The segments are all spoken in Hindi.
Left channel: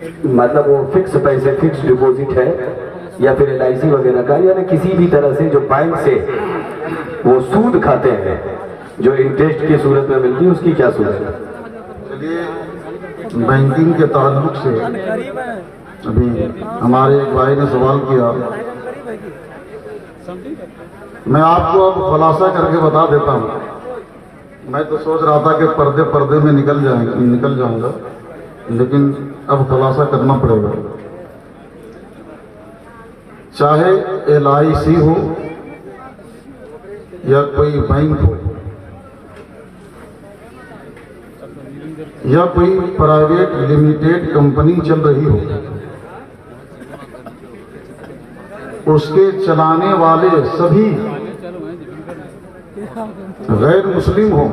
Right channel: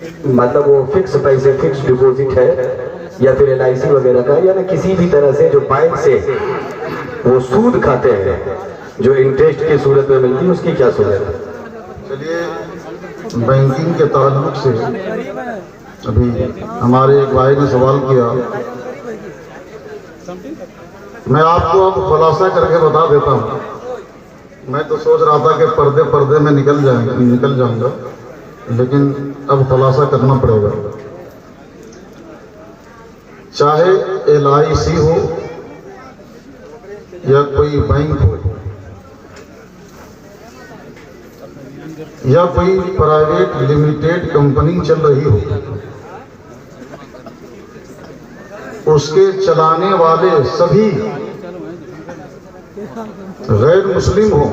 मतलब वो फिक्स पैसे, फिक्स डिपॉजिट है या फिर LIC वगैरह का, या किसी भी तरह से जो बैंक से वो सूद खाते हैं जो इंटरेस्ट की सूरत में मिलती है, उसकी क्या सूरत है? चलिए, बैंकिंग के ताल्लुक से अभी हमारे एक भाई ने सवाल किया, मैं आपको अब खुलासा करके बता देता हूँ। मैं तो सोच रहा था कि पर्दे पर्दे में निकल जाऊंगा, लेकिन अब खुलासा करना पड़ेगा। चाहे LIC हो या कोई बैंक हो या कोई प्राइवेट लिमिटेड कंपनी चल रही हो, उसके चलाने वाले सभी गैर मुस्लिम हो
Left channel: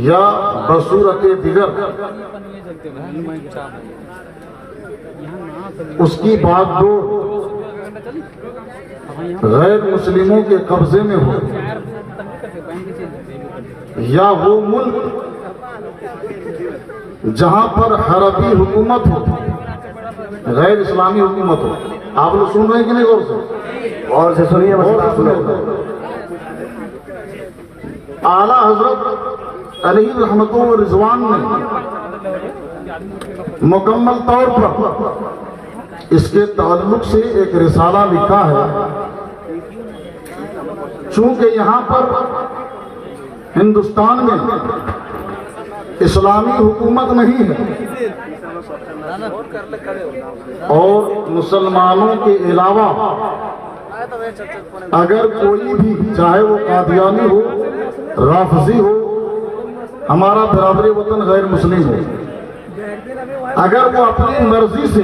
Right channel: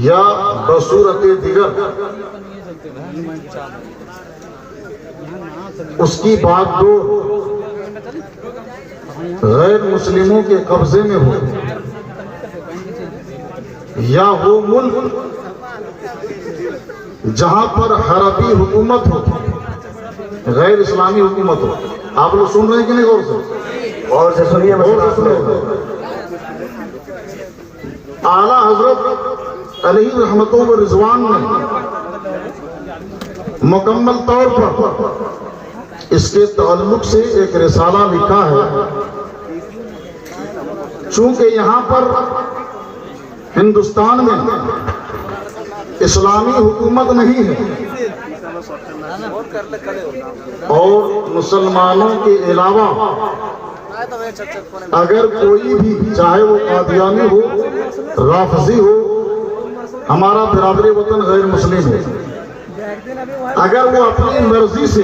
या बसूरत दिगर, उसकी बात दो गैर मुस्लिमों के कब्जे में हो या वो मुल्क जहां पर हरबी हुकूमत हो, गैर इस्लामी हुकूमत हो। आप लोग सुन रहे हैं कि नहीं? और से सुनिए, और से सुनिए। आला हजरत अलैहि रहमतुल्लाह व रिजवान ने मुकम्मल तौर पर इसके ताल्लुक से एक रिसाला लिखा है। चूंकि यहाँ पर हिंदुस्तान में इस्लामी हुकूमत नहीं है और मुसलमानों के अलावा अगर कोई भी, चाहे वो कादियानी हो, राफजी हो, हमारा बिरादरी वतन गैर मुस्लिम हो, अगर वो अपनी मर्जी से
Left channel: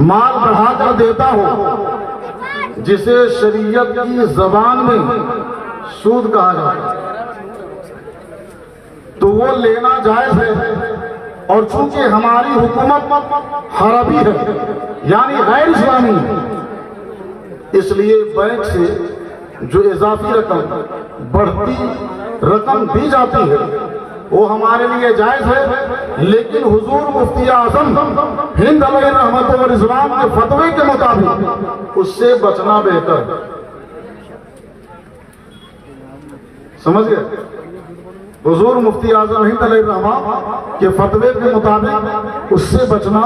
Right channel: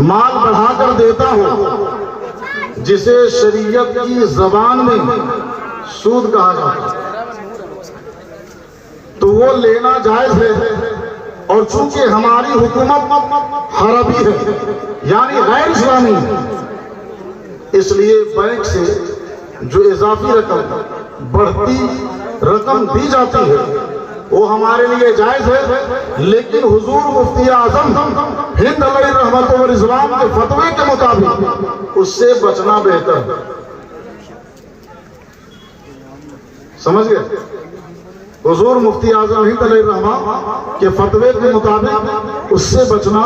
माल बढ़ाकर देता हो, जिसे शरीयत की जबान में सूद कहा जाता है, तो वो लेना जायज है। और चूंकि हमारी हुकूमत हरबी है यानी गैर इस्लामी है, इसलिए बैंक से जो इजाफी रकम, बढ़ती रकम दी जाती है वो हमारे लिए जायज है। लेकिन हुजूर मुफ्ती आजम हिंद अलैहि रहमत व रिजवान के फतवे के मुताबिक उससे बचना बेहतर है। समझ गए? हुजूर मुफ्ती आजम हिंद अलैहि रहमत के फतवे के मुताबिक उससे बचना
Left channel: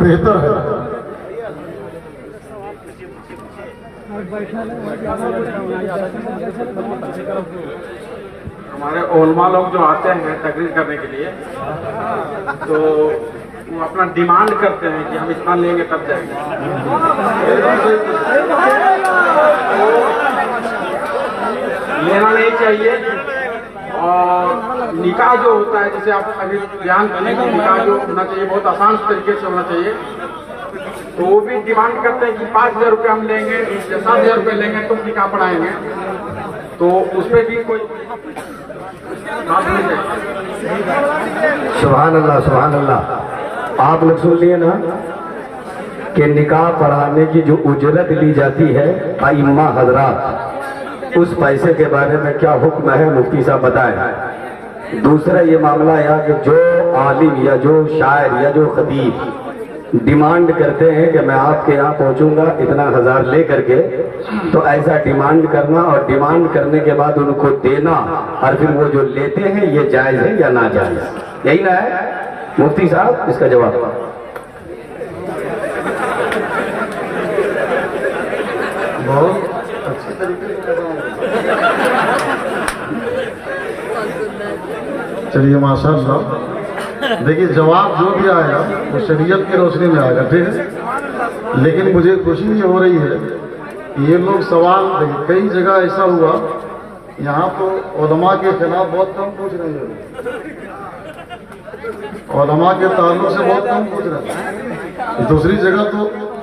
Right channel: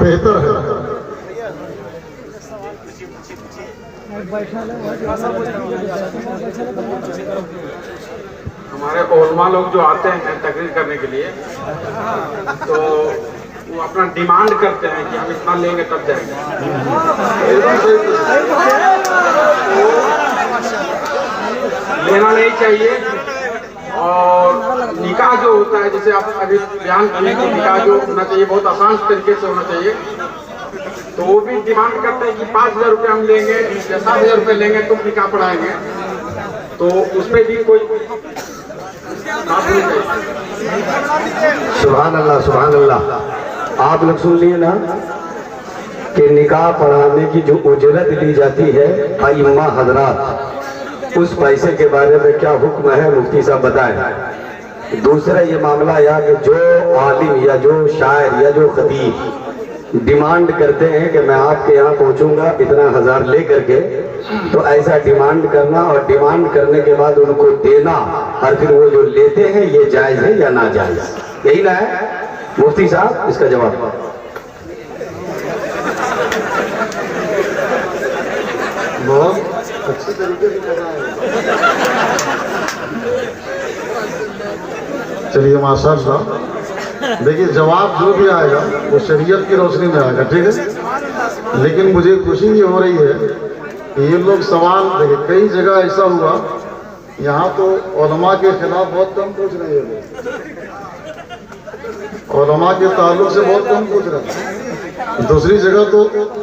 बेहतर है। हमारे उलमा लोग जो आते हैं तकरीर करने के लिए, तो वो अपना डिमांड करते हैं कि हम इतना लेंगे तब जाएंगे। लेना नहीं चाहिए। और निकाह जो होता है, जैसे आप अभी बयान करने का, निकाह जो होना चाहिए बहुत आसान तरीके से होना चाहिए, तो वो भी डिमांड करते हैं कि 5,000 रुपये हम लेंगे या 7,000 रुपये लेंगे तो निकाह पढ़ाएंगे। तो उसमें भी कोई सुभान अल्लाह, सुभान अल्लाह। आप लोग सुन लिए ना कि निकाह पढ़ाने की जो उजरत ली जाती है अइम्मा हजरात, उस पैसे के बारे में क्या हुक्म है, मुफ्ती साहब बताएं। दूसरा ये मामला यह कि जो आलिम या जो शायर या जो खतीब डिमांड करते हैं कि मैं आपके यहाँ पहुँचूंगा इतना 1000 ले करके, तो ऐसा डिमांड करना और डिमांड करने के बाद उनको देना और फिर वो जो लेते हैं, ये जायज़ है या ना जायज़? यही ना है मुफ्ती साहब? इसका जवाब। बहुत अच्छी तरीके से कर रहा है। चलिए माशाअल्लाह, देखिए जवाब जो भी आएगा वो शरीयत की रोशनी में आएगा, ठीक है। लेकिन मुझे खुशी ये हो रही है कि ये लोग सवाल, देखिए कई जगह ऐसा हुआ, यहाँ तो उलमा के खिलाफ बहुत कम पूछ रहे हैं, उलमा के ताल्लुक से बहुत कम पूछ रहे हैं। दूसरी जगह तो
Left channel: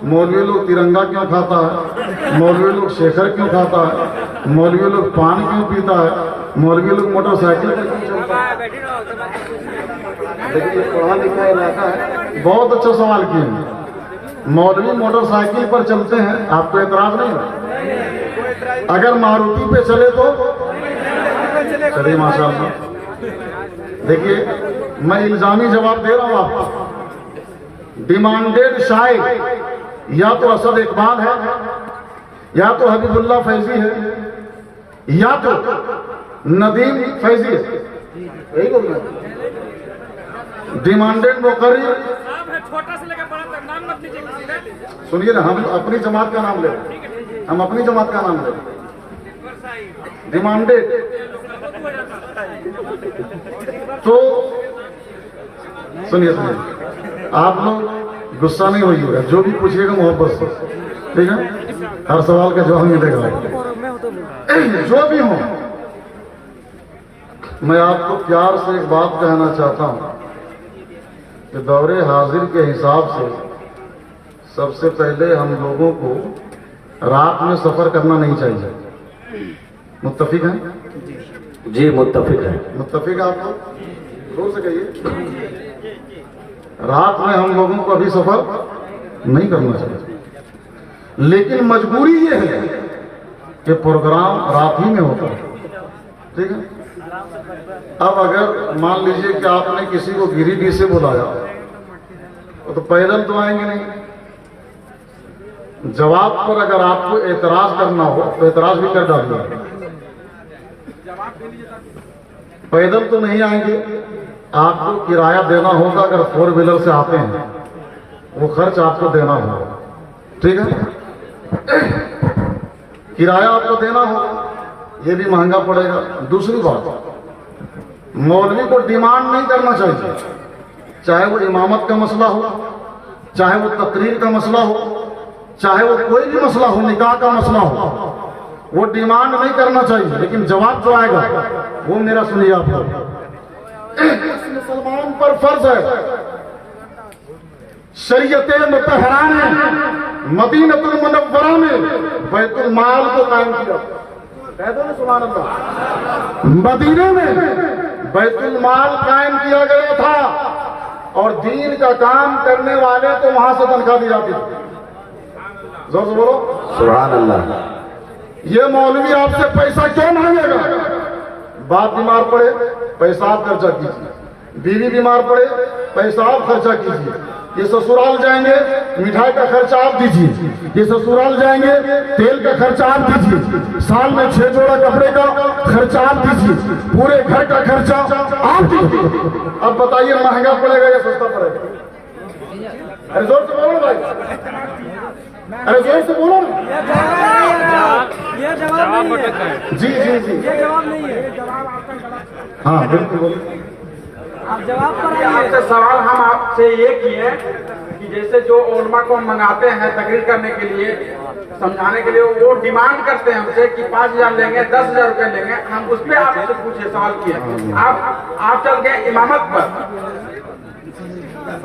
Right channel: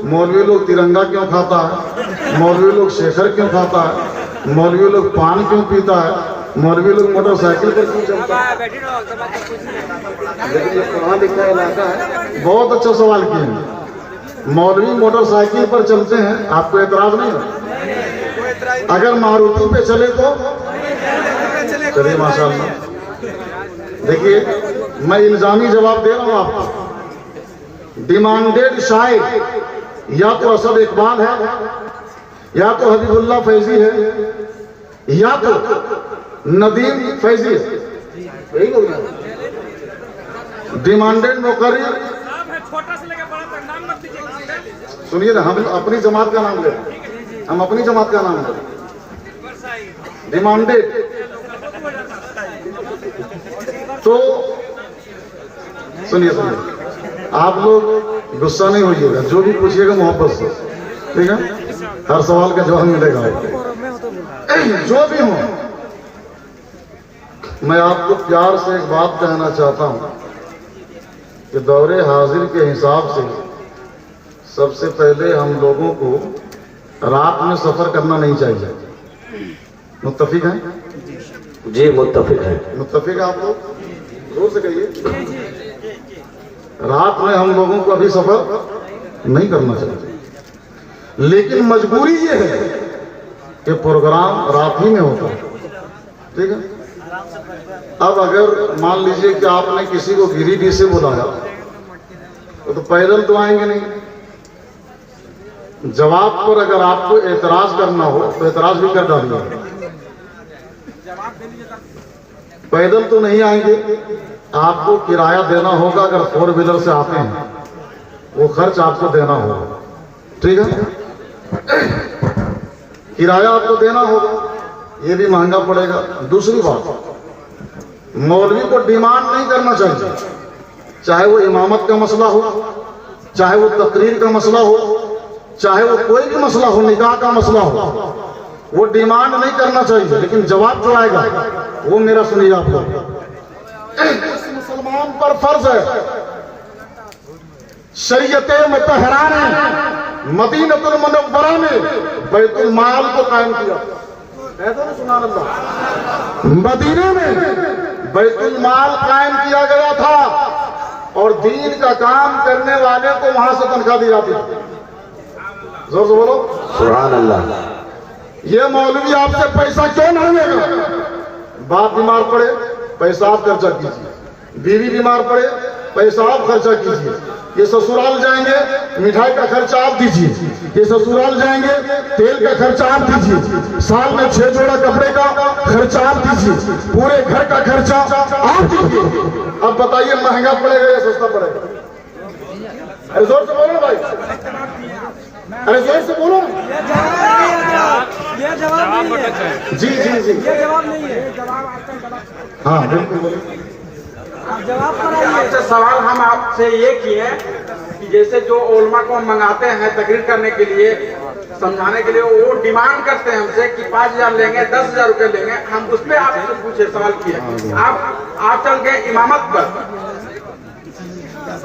मौलवी लोग तिरंगा क्यों खाता है, मौलवी लोग शेखर क्यों खाता है, मौलवी लोग पान क्यों पीता है, मौलवी लोग मोटरसाइकिल पर क्यों चलता है। देखिए पढ़ा लिखा इलाका है, बहुत अच्छा सवाल किए। मौलवी मोटरसाइकिल पर चलते हैं, आपको एतराज नहीं है? अगर मारुति पे चले तो चलिए माशाअल्लाह। देखिए मैं इल्जामी जवाब दे रहा हूं आपको। डिमांडेड शायर या तो असद इकबाल है, या तो हबीबुल्लाह फैजी है, या तो नदीम फैजी है। यही बोल रहे हैं। डिमांडेड मुकर्रिर, सुनिए ना, हम अपनी जमात का नाम ले रहे हैं, हम अपनी जमात का नाम ले रहे हैं। डिमांडेड तो सुनिए, आप लोग गुस्सा नहीं होइएगा, जो भी पूछिएगा मोहब्बत से, ठीक है? हर सवाल का जवाब मिलेगा। जो भी हो, मैं आपको प्यार से एक बात कहना चाहता हूं कि दौरे हाजिर के हिसाब से सबसे पहले हम लोगों को रात में सफर करना नहीं चाहिए। मुत्तफिक है? जी मुत्तफिक है। मुत्तफिक आप लोग जोर से कहिए। रात में हम लोगों को अभी सफर नहीं करना चाहिए, लेकिन मजबूरी ये है कि प्रोग्राम रात ही में होता है, ठीक है? अब अगर मान लीजिए कि आपने किसी को गिरिडीह से बुलाया तो पैदल तो आएंगे नहीं। जवाब पर अगर आपको एतराज करना हो तो एतराज भी कर डालिए। पैदल तो नहीं आएंगे, आपको किराया देना होगा। अगर 4 व्हीलर से आते हैं वो खर्च आपको देना होगा, ठीक है? किराया आपको देना होगा, ये भी महंगा पड़ेगा। दूसरी बात, मौलवी को डिमांड नहीं करना चाहिए, चाहे वो इमामत का मसला हो, चाहे वो तकरीर का मसला हो, चाहे वो कोई भी मसला हो, निकाह का मसला हो, वो डिमांड नहीं करना चाहिए। लेकिन जवाब जो आएगा वो मेरा सुनिए आप लोग। मुसलमान पर फर्ज है, शरीयते मुतहरा ने मदीनतुल मुनव्वरा में बैतुल माल को कायम किया। कह दो ना सुभान अल्लाह। मदीने में बैतुल माल कायम किया गया था और दीन का काम करने वाले तो वहां से तनख्वाह दी जाती थी। जोर से बोलो सुभान अल्लाह। ये मौलवी आपसे पैसा क्यों मांगेगा? बाप बीमार पड़े, पैसा आप खर्चा कीजिए। बीवी बीमार पड़े, पैसा आप खर्चा कीजिए। ये ससुराल जाएंगे, मिठाई का खर्चा आप दीजिए। ये ससुराल जाएंगे, तेल का खर्चा आप दीजिए। साल में 6 जोड़ा कपड़े का खर्चा आप दीजिए। पूरे घर का खर्चा आप दीजिए। अब बताइए महंगा पड़ेगा या सस्ता पड़ेगा? अरे जोर से बोलो ना भाई, अरे जोर से बोलो ना। ये जवाब नहीं है। जी जी जी, ये जवाब नहीं है, जवाब आपका जवाब। हाँ बिल्कुल बोलिए। आप जवाब पर आइए। अच्छा, सवाल हम आपसे ये किए कि जैसे जो उलमा को मंगाते हैं तकरीर करने के लिए, समझाने के लिए, वो डिमांड करते हैं हमसे कि 5,000 लेंगे, 10,000 रुपए लेंगे। हम उस पर आपसे पूछे, सवाल किए। आप चल गए इमामत पर,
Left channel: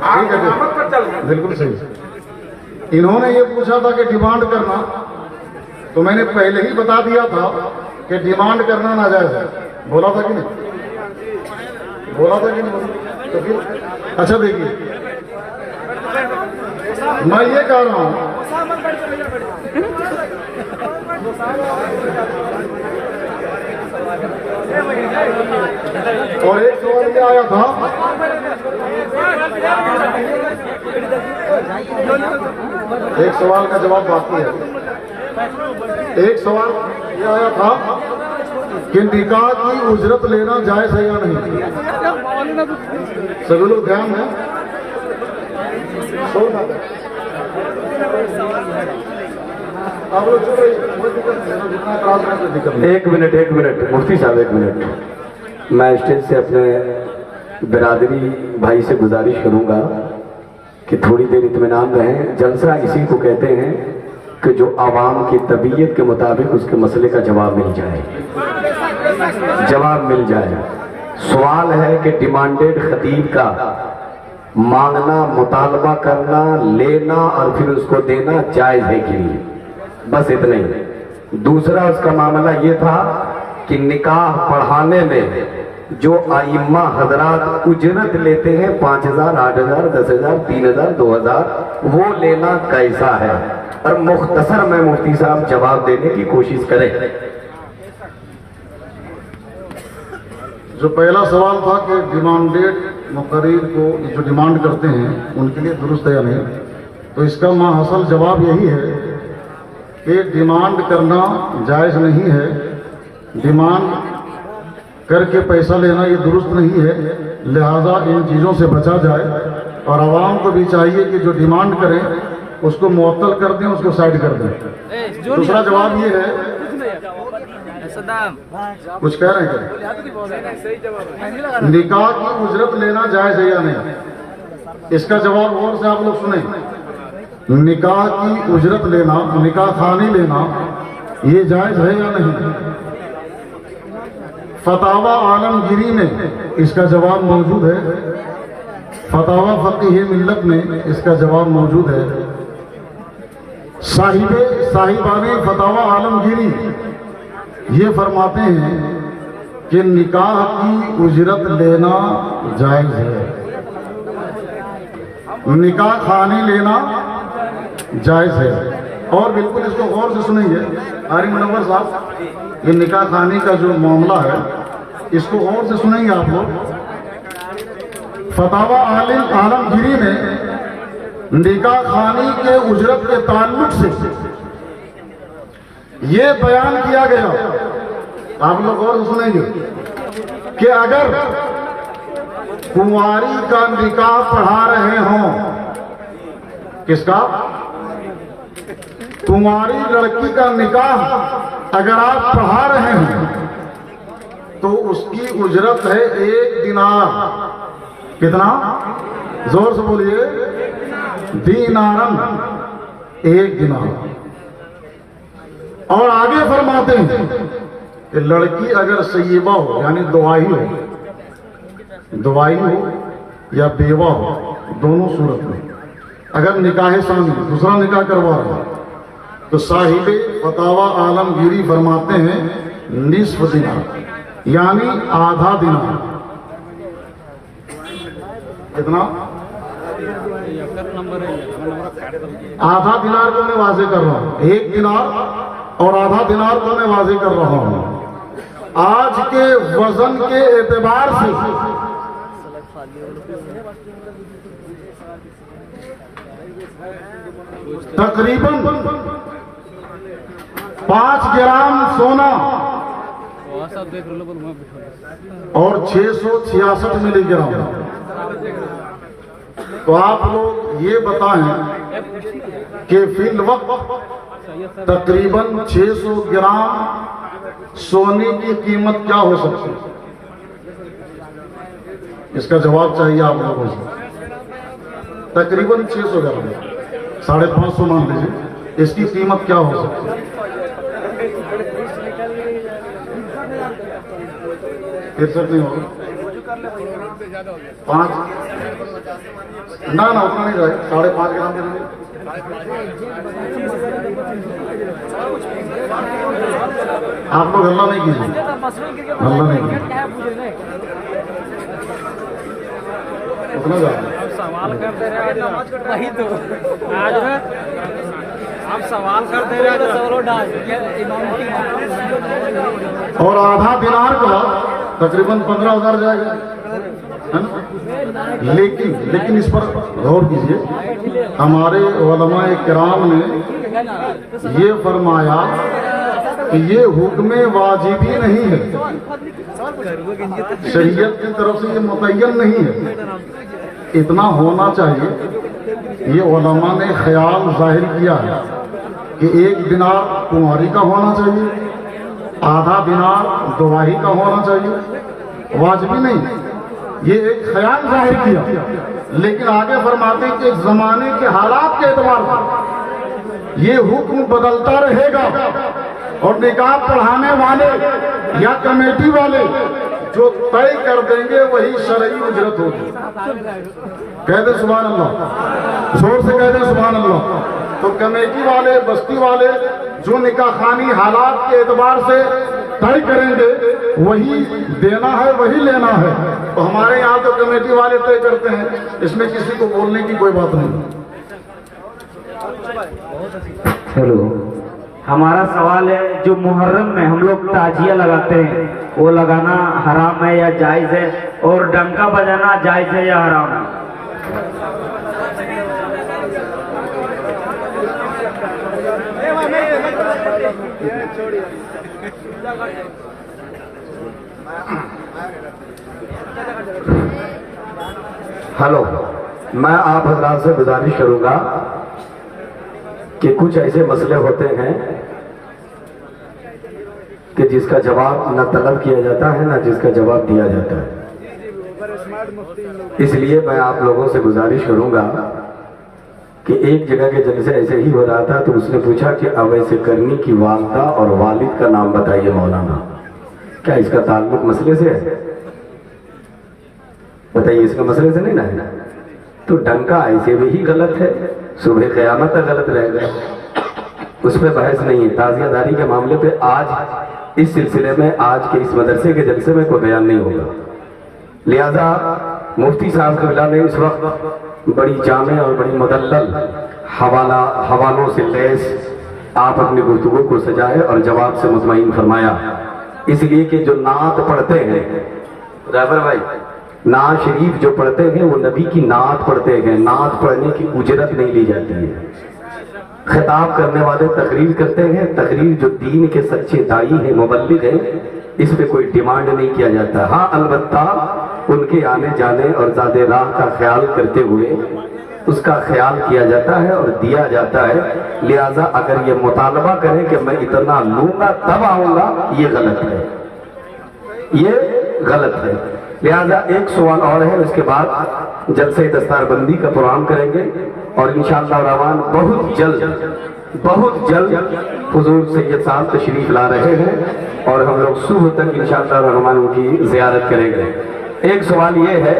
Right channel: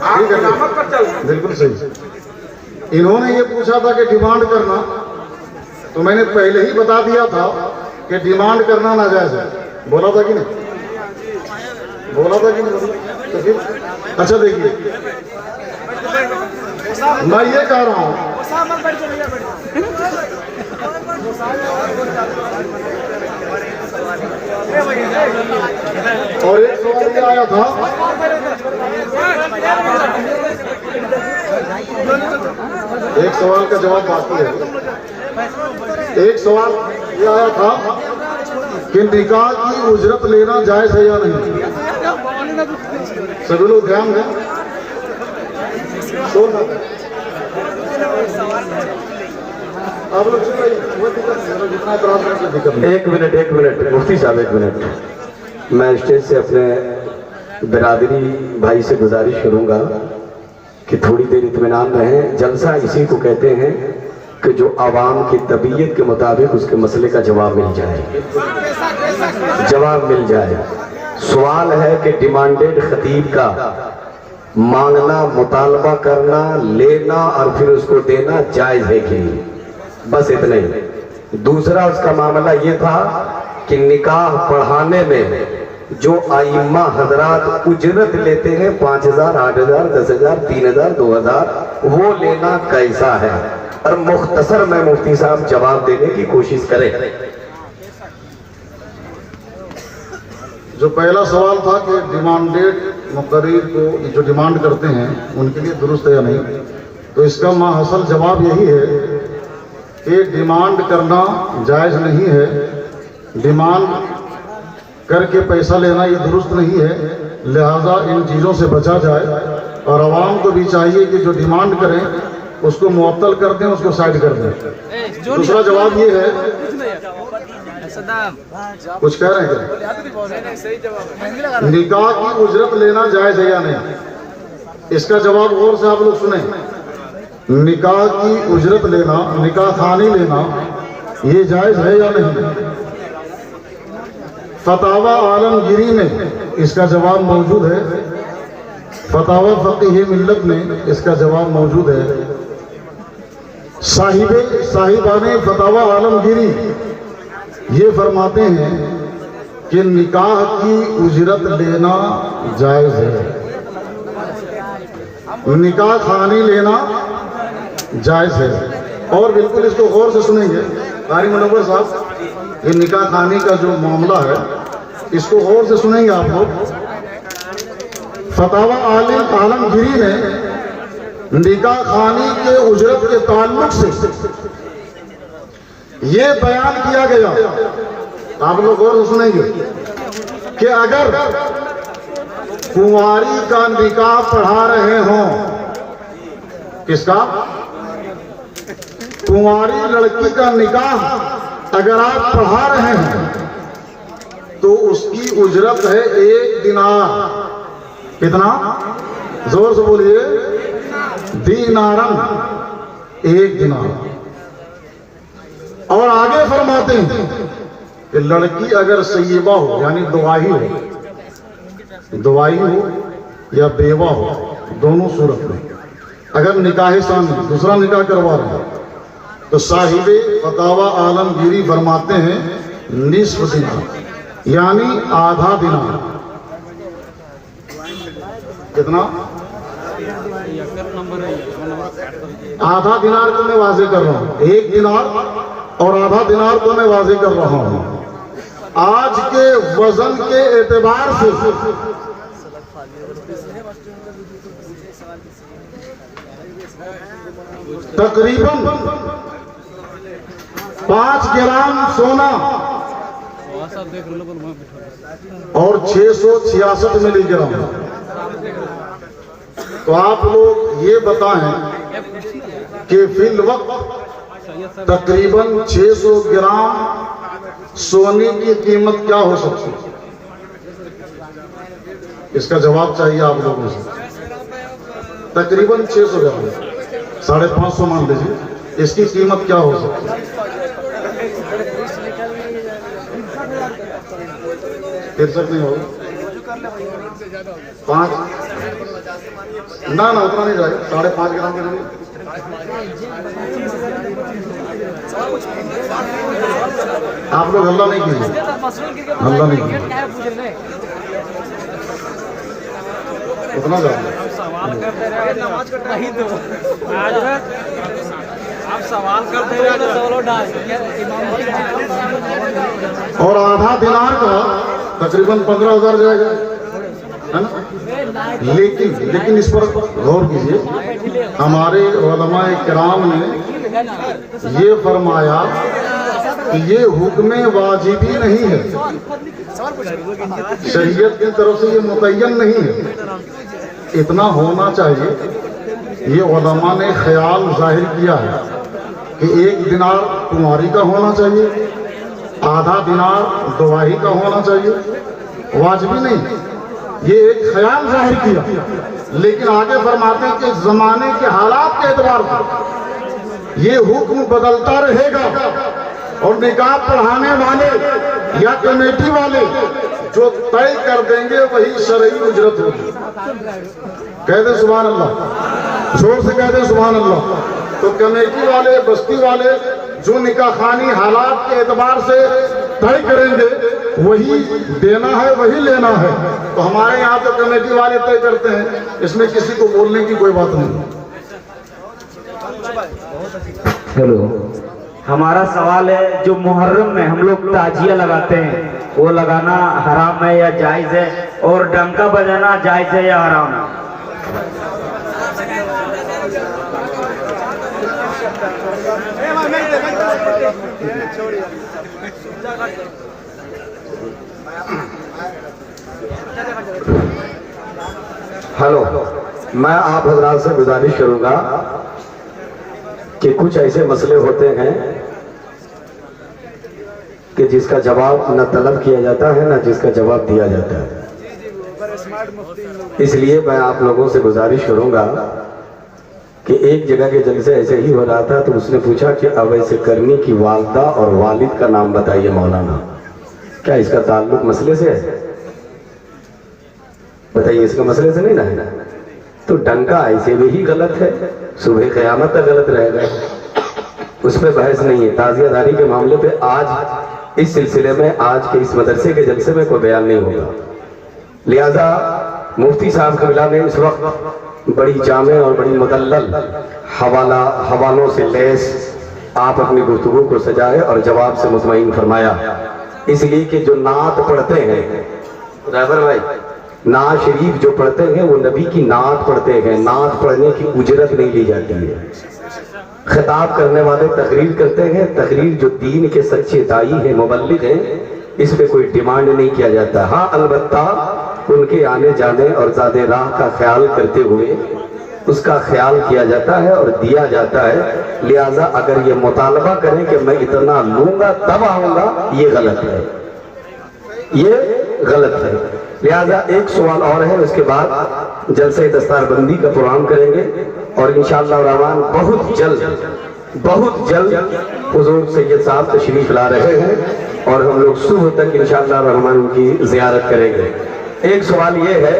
आप इमामत पर चल रहे। बिल्कुल सही। इन्होंने ये पूछा था कि डिमांड करना, तो मैंने पहले ही बता दिया था कि डिमांड करना नाजायज है। बोला था कि नहीं? बोला था कि नहीं? तो फिर अच्छा देखिए, मैं ये कह रहा हूं, और एक सवाल ये आया था, एक सवाल का जवाब बाकी है। एक सवाल ये आया था कि निकाह की उजरत लेना जायज है या नहीं? सभी लोग ध्यान है, आप लोग चुप रहिए, जितना एतराज करने की दिक्कत नहीं। एक मिनट मुफ्ती साहब, एक मिनट। मैं स्टेज से अपने बिरादरी भाई से गुजारिश करूंगा कि थोड़ी देर इत्मीनान रहें। जलसा इसी को कहते हैं कि जो आवाम की तबीयत के मुताबिक उसके मसले का जवाब मिल जाए, जवाब मिल जाए। सवाल है कि डिमांडेड खतीब का मांगना, मुतालबा करना, लेना और फिर उसको देना जायज है कि नहीं? बस इतना ही। दूसरा उसका मामला ये था कि निकाह पढ़ाने में जो आइम्मा हजरात उजरत लेते हैं 5,000, 8,000, 10,000, 3,000, 2,000, वो लेना कैसा है? और मुख्तसर में मुफ्ती साहब जवाब देने की कोशिश करें। जो पहला सवाल था कि डिमांडेड मुकर्रिर को जो डिमांड करते हैं उनके लिए दुरुस्त है या नहीं, तो इसका माहसल जवाब यही है कि डिमांड करना जायज़ नहीं है। डिमांड करके पैसा लेना ये दुरुस्त नहीं है, लिहाजा इन चीज़ों से बचा जाए और आवाम को भी चाहिए कि जो डिमांड करें उसको मुअत्तल कर दें, उसको साइड कर दें। दूसरा जवाब ये है, कुछ कह रहे हैं क्या? निकाह की उजरत लेना जायज़ है या नहीं, इसका जवाब गौर से आप लोग सुने। निकाह की उजरत लेना, निकाह खानी लेना, ये जायज़ है या नहीं? फतावा आलमगीरी में इसका जवाब मौजूद है, फतावा फ़क़ीह मिल्लत में इसका जवाब मौजूद है। साहिबाने फतावा आलमगीरी ये फरमाते हैं कि निकाह की उजरत लेना जायज़ है, निकाह खानी लेना जायज़ है। और बिल्कुल इसको गौर से सुनेंगे कारी मुनव्वर साहब, ये निकाह खानी का जो मामला है इसको गौर से सुनेंगे आप लोग। फतावा आलमगीरी में निकाह खानी के उजरत के ताल्लुक से ये बयान किया गया, आप लोग गौर से सुनेंगे, कि अगर कुंवारी का निकाह पढ़ा रहे हों, किसका? कुंवारी लड़की का निकाह अगर आप पढ़ा रहे हैं तो उसकी उजरत है 1 दिनार। कितना? जोर से बोलिए। दीनारन, 1 दिनार। और आगे फरमाते हैं कि लड़की अगर सय्यबा हो, यानी दुआई हो या बेवा हो, दोनों सूरत में अगर निकाह सामी दूसरा निकाह करवा रहा है तो साहिबे फतावा आलमगीरी फरमाते हैं निस्फ दिनार, यानी आधा दिनार। कितना? आधा दिनार को मैं वाजे कर रहा हूं, 1 दिनार और आधा दिनार को मैं वाजे कर रहा हूं। आज के वजन के एतबार से तकरीबन 5 ग्राम सोना और 666 मिलीग्राम। तो आप लोग ये बताएं कि फिल वक्त तकरीबन 600 ग्राम सोने की कीमत क्या हो सकती है? इसका जवाब चाहिए आप लोगों से। तकरीबन 600 ग्राम, 550 मान लीजिए, इसकी कीमत क्या हो सकती है? 63 नहीं होगा, 5 ना उतना नहीं जाए, 5.5 ग्राम के। आप लोग हल्ला नहीं कीजिए, हल्ला नहीं उतना जाए। सवाल करते रहे वही तो आप सवाल करते रहे और आधा दिनार का तकरीबन 15,000 जाएगा, है ना? लेकिन इस पर गौर कीजिए, हमारे उलमाए किराम ने ये फरमाया कि ये हुक्म वाजिबी नहीं है, शरीयत की तरफ से ये मुतय्यन नहीं है। इतना होना चाहिए, ये उलमा ने ख्याल जाहिर किया है कि 1 दिनार कुंवारी का होना चाहिए, आधा दिनार दुआही का होना चाहिए, वाजिबी नहीं। ये एक ख्याल जाहिर किया, लेकिन आगे फरमाते हैं कि जमाने के हालात के एतबार पर ये हुक्म बदलता रहेगा और निकाह पढ़ाने वाले या कमेटी वाले जो तय कर देंगे वही शरई उजरत होगी। कह दे सुभान अल्लाह, जोर से कह दे सुभान अल्लाह। तो कमेटी वाले, बस्ती वाले जो निकाह खानी हालात के एतबार से तय करेंगे वही देना है, वही लेना है। तो हमारे यहाँ तो कमेटी वाले तय करते हैं, इसमें किसी को बोलने की कोई बात नहीं। हेलो, हमारा सवाल है, जो मुहर्रम में हम लोग ताजिया लगाते हैं वो लगाना हराम है या जायज़ है, और डंका बजाना जायज़ है या हराम है? हेलो, मैं आप हजरात से गुजारिश करूंगा कि कुछ ऐसे मसले होते हैं कि जिसका जवाब न तलब किया जाता है न जिसका जवाब दिया जाता है। इसलिए मैं आप लोगों से गुजारिश करूंगा कि एक जगह के जलसे ऐसे ही हो रहा था, तो उसने पूछा कि अवैसे करनी की वालदा और वालिद का नाम बताइए मौलाना, क्या इसका ताल्लुक मसले से है? बताइए, इसका मसले से नहीं ना है? तो डंका ऐसे भी ही गलत है, सुबह क़यामत तक गलत रहेगा, उस पर बहस नहीं है। ताज़ियादारी के मामले पे आज इस सिलसिले में आज के इस मदरसे के जलसे में कोई बयान नहीं होगा। लिहाजा मुफ्ती साहब क़िबला ने इस वक्त बड़ी जामे और बड़ी मुदल्लल हवालों से लैस आप अपनी गुफ्तगू को सजाए और जवाब से मुतमईन फरमाया। इसलिए कि जो नात पढ़ते हैं ड्राइवर भाई, नात शरीफ जो पढ़ते हैं वो नबी की नात पढ़ते हैं। नात पढ़ने की उजरत नहीं ली जाती है। खिताब करने वाले तकरीर करते हैं, तकरीर जो दीन के सच्चे दाई हैं, मुबल्लिग हैं, इस पे कोई डिमांड नहीं किया जाता। हाँ, अलबत्ता उनके आने जाने और ज़ादे राह का ख्याल करते हुए उसका ख्याल किया जाता है और दिया जाता है। लिहाजा अगर ये मुतालबा करें कि मैं इतना लूंगा तब आऊंगा, ये गलत है, ये गलत है। लिहाजा एक सवाल और है, उसके बाद जलसे दस्तारबंदी का प्रोग्राम करेंगे और इंशाअल्लाह रहमान बहुत जल्द हुजूर सैयद साहब तशरीफ ला रहे हैं और हम लोग सुबह तक इंशाअल्लाह रहमान उनकी ज़ियारत करेंगे। एक सवाल ये है,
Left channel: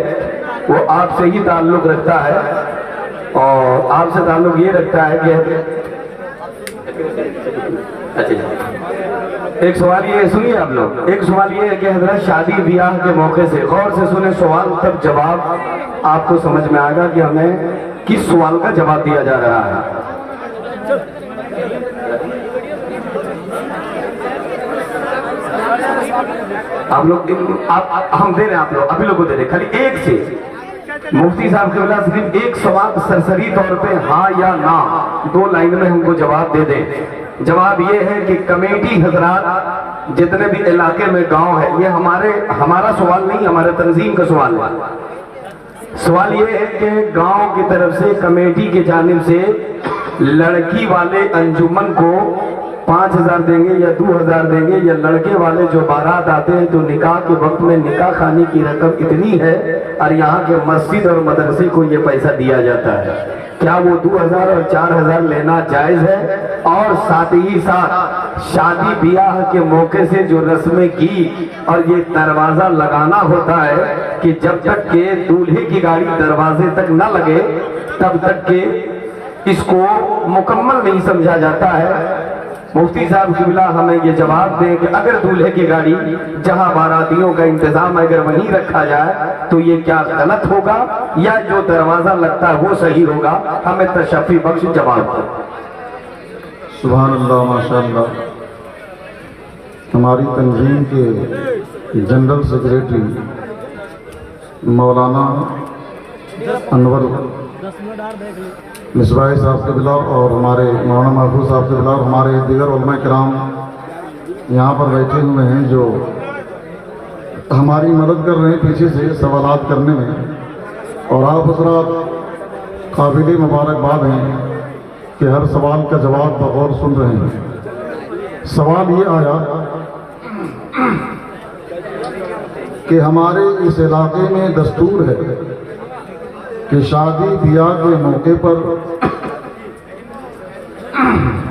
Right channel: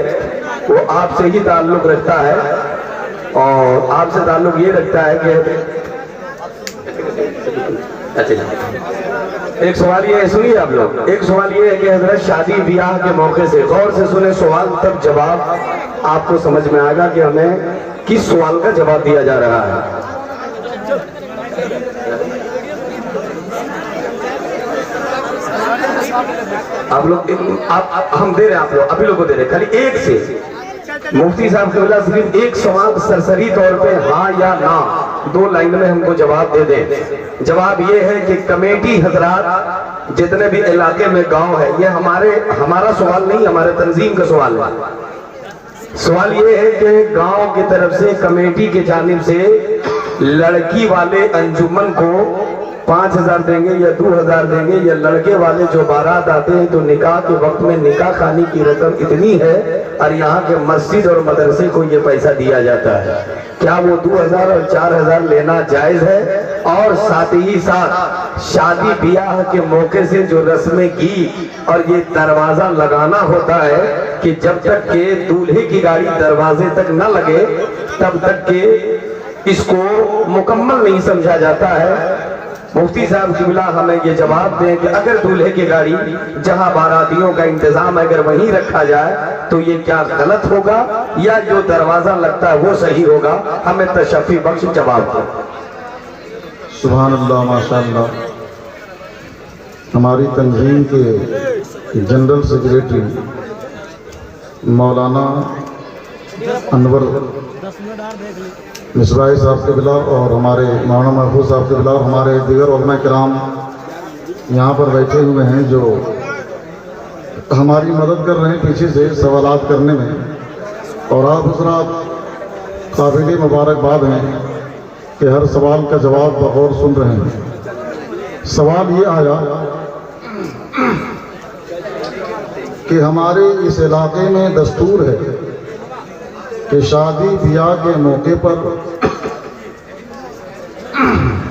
वो आपसे ही ताल्लुक़ रखता है और आपसे ताल्लुक़ ये रखता है कि एक सवाल ये है, सुनिए आप लोग, एक सवाल ये है कि हजरत शादी ब्याह के मौके से गौर से सुने सवाल, तब जवाब आपको समझ में आएगा कि हमें किस सवाल का जवाब दिया जा रहा है। आप लोग हम दे रहे हैं, आप लोग अभी लोग को दे रहे हैं, खाली एक से मुफ्ती साहब क़िबला सिर्फ एक सवाल सरसरी तौर पे हाँ या ना 2 लाइन में हमको जवाब दे दें। जवाब ये है कि कमेटी हजरात जितने भी इलाके में गांव है, ये हमारा सवाल नहीं, हमारे तंजीम का सवाल है। सवाल ये है कि गांव की तरफ से कमेटी की जानिब से लड़की वाले अंजुमन को 5,000 देंगे या 2,000 देंगे, या लड़के वाले जो बारात आते हैं तो निकाह के वक्त में निकाह खाने की रकम इतनी है और यहाँ के मस्जिद और मदरसे को ये पैसा दिया जाता है। क्या वो 2,000 और 4,000 लेना जायज़ है? और साथ ही साथ शादी ब्याह के मौके से जो रस्में की और ये दरवाजा लगाना होता है कि जब तक के दूल्हे की गाड़ी दरवाजे तक न लगे तब तक के इसको मुकम्मल नहीं समझा जाता है। मुफ्ती साहब क़िबला हमें ये जवाब दें कि अगर दूल्हे की गाड़ी जहां बारातियों का इंतजाम अगर वहीं रखा जाए तो ये क्या गलत होगा या जो दरवाजा लगता है वो सही होगा? हमें तशफ़ी बख्श जवाब दें। सुभान अल्लाह, माशाअल्लाह। हमारी तंजीम के जनरल सेक्रेटरी मौलाना अनवर मिसबाही साहब के क़िबला और हमारे मौलाना महफूज साहब के क़िबला और हमारे दीगर उलमा किराम यहाँ पर बैठे हुए हैं जो हमारी मदद कर रहे हैं पीछे से सवालात करने में, और आप हज़रात काबिल मुबारकबाद हैं कि हर सवाल का जवाब बगौर सुन रहे हैं। सवाल ये आया कि हमारे इस इलाके में दस्तूर है कि शादी ब्याह के मौके पर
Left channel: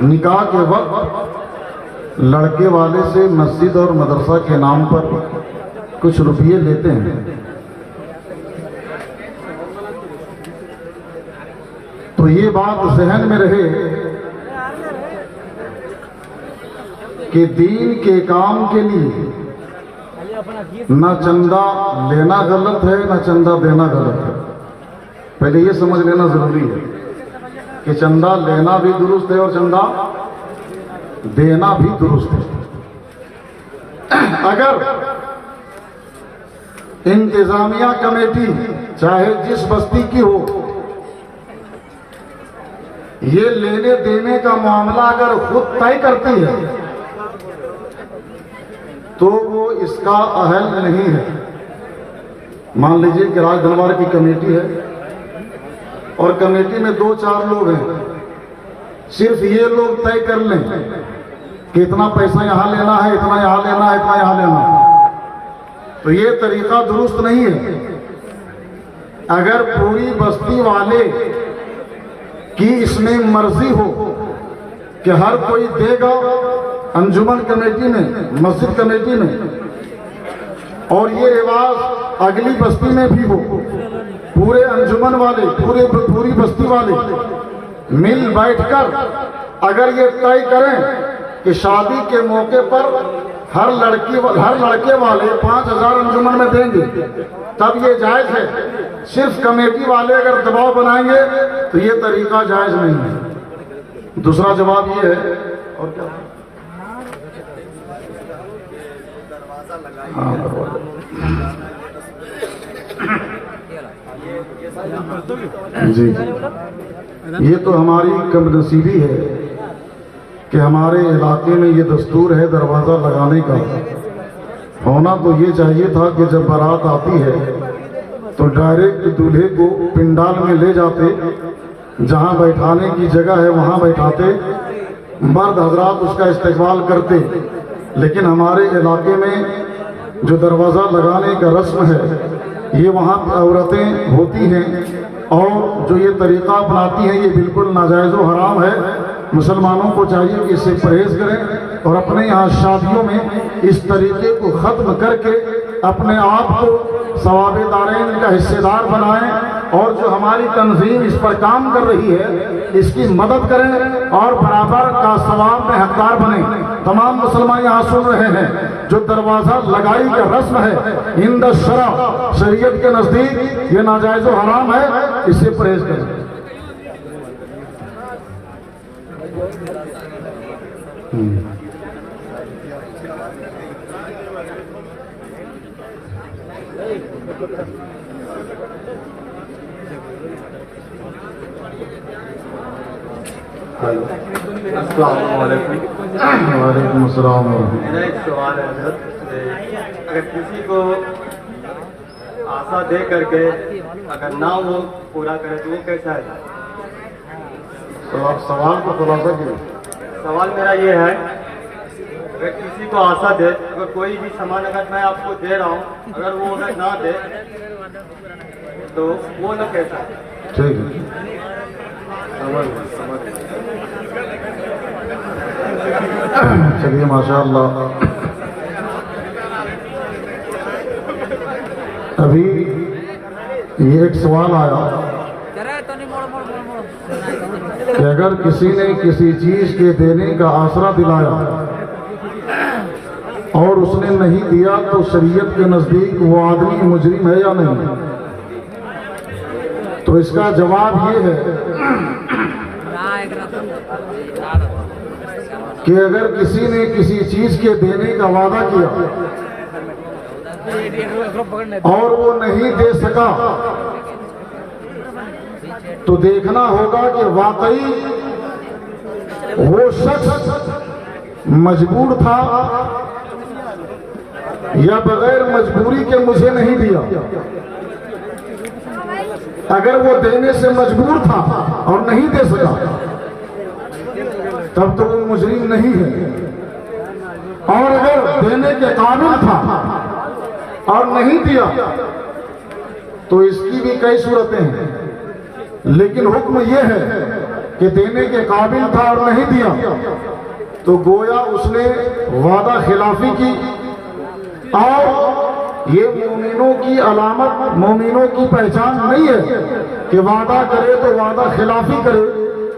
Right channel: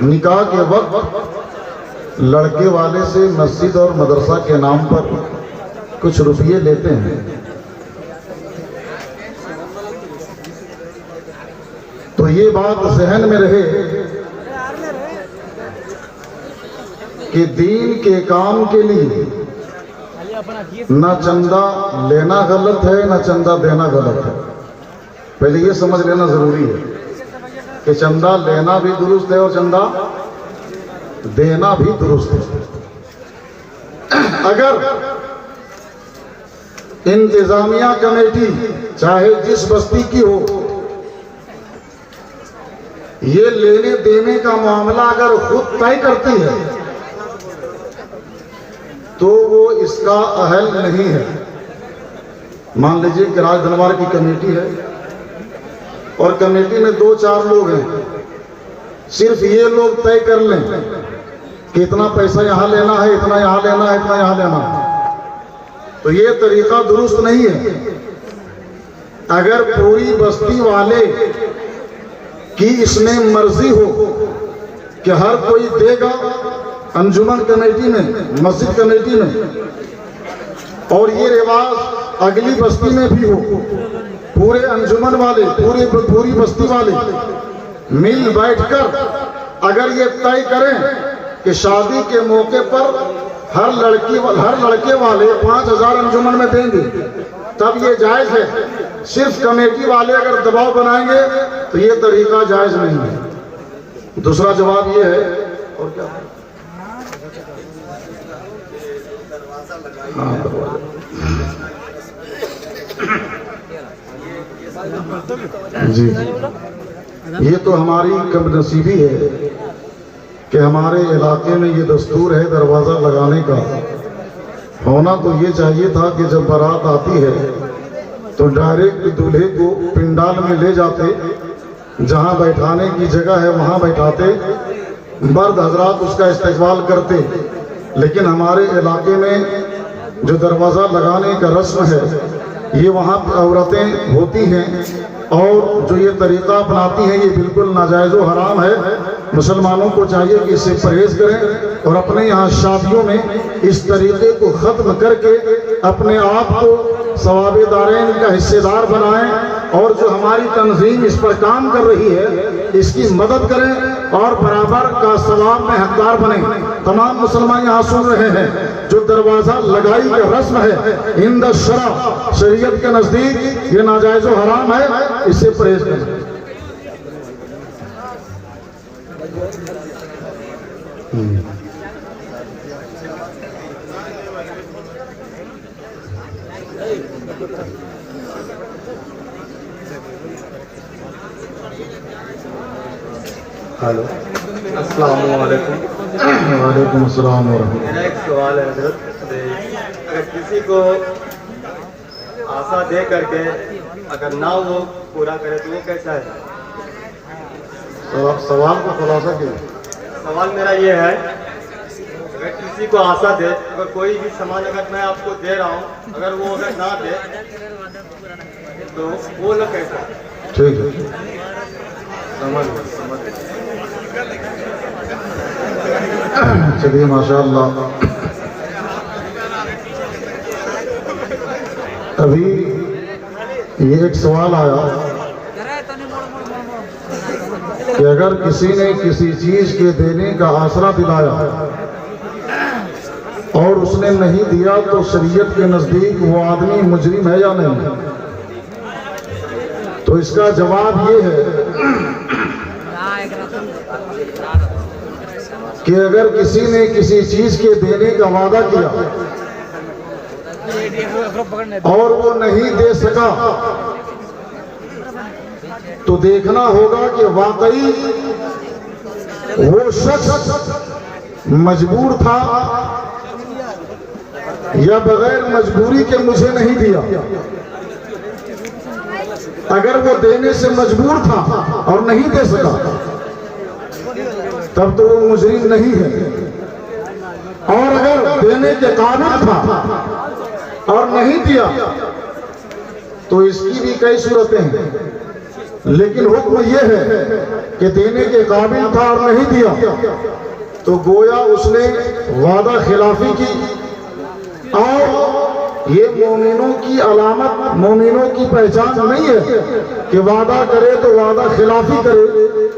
निकाह के वक्त लड़के वाले से मस्जिद और मदरसा के नाम पर कुछ रुपये लेते हैं। तो ये बात जहन में रहे कि दीन के काम के लिए ना चंदा लेना गलत है ना चंदा देना गलत है। पहले ये समझ लेना जरूरी है कि चंदा लेना भी दुरुस्त है और चंदा देना भी दुरुस्त है। अगर इंतजामिया कमेटी चाहे जिस बस्ती की हो, ये लेने देने का मामला अगर खुद तय करती है तो वो इसका अहल नहीं है। मान लीजिए कि राज दरबार की कमेटी है और कमेटी में 2-4 लोग हैं, सिर्फ ये लोग तय कर लें कि इतना पैसा यहां लेना है, इतना यहां लेना है, इतना यहां लेना है, तो ये तरीका दुरुस्त नहीं है। अगर पूरी बस्ती वाले की इसमें मर्जी हो कि हर कोई देगा अंजुमन कमेटी में, मस्जिद कमेटी में, और ये रिवाज अगली बस्ती में भी हो, पूरे अंजुमन वाले, पूरी बस्ती वाले मिल बैठकर अगर ये तय करें कि शादी के मौके पर हर लड़के वाले 5,000 अंजुमन में देंगे, तब ये जायज है। सिर्फ कमेटी वाले अगर दबाव बनाएंगे तो ये तरीका जायज नहीं है। दूसरा जवाब ये है, और क्या जी, ये तो हमारी कमनसीबी है कि हमारे इलाके में ये दस्तूर है दरवाज़ा लगाने का। होना तो ये चाहिए था कि जब बारात आती है तो डायरेक्ट दूल्हे को पिंडाल में ले जाते, जहां बैठाने की जगह है वहां बैठाते, मर्द हजरात उसका इस्तेकबाल करते। लेकिन हमारे इलाके में जो दरवाज़ा लगाने का रस्म है, ये वहाँ औरतें होती हैं और जो ये तरीका अपनाती हैं, ये बिल्कुल नाजायज़ व हराम है। मुसलमानों को चाहिए कि इससे परहेज़ करें और अपने यहाँ शादियों में इस तरीके को ख़त्म करके अपने आप को सवाबे दारैन का हिस्सेदार बनाएं, और जो हमारी तंजीम इस पर काम कर रही है इसकी मदद करें और बराबर का सवाब में हकदार बने। तमाम मुसलमान यहाँ सुन रहे हैं, जो दरवाज़ा लगाई का रस्म है इंद शरा, शरीयत के नज़दीक ये नाजायज़ व हराम है, इससे परहेज़ करें। हेलो, अस्सलाम वालेकुम। वालेकुम अस्सलाम। मेरा एक सवाल है हज़रत, अगर किसी को आशा दे करके अगर ना वो पूरा करे तो वो कैसा है? तो आप सवाल को खुलासा कीजिए। सवाल मेरा ये है, अगर किसी को आशा दे, अगर कोई भी सामान अगर मैं आपको दे रहा हूँ, अगर वो ना दे तो वो ना कैसा है? ठीक है, चलिए माशाअल्लाह। अभी ये एक सवाल आया कि अगर किसी ने किसी चीज के देने का आसरा दिलाया और उसने नहीं दिया तो शरीयत के नजदीक वो आदमी मुजरिम है या नहीं? तो इसका जवाब ये है कि अगर किसी ने किसी चीज के देने का वादा किया और वो नहीं दे सका तो देखना होगा कि वाकई वो शख्स मजबूर था या बगैर मजबूरी के मुझे नहीं दिया। अगर वो देने से मजबूर था और नहीं दे सका तब तो वो मुजरिम नहीं है, और अगर देने के काबिल था और नहीं दिया तो इसकी भी कई सूरतें हैं। लेकिन हुक्म यह है कि देने के काबिल था और नहीं दिया तो गोया उसने वादा खिलाफी की, और ये मोमिनों की अलामत, मोमिनों की पहचान नहीं है कि वादा करे तो वादा खिलाफी करे।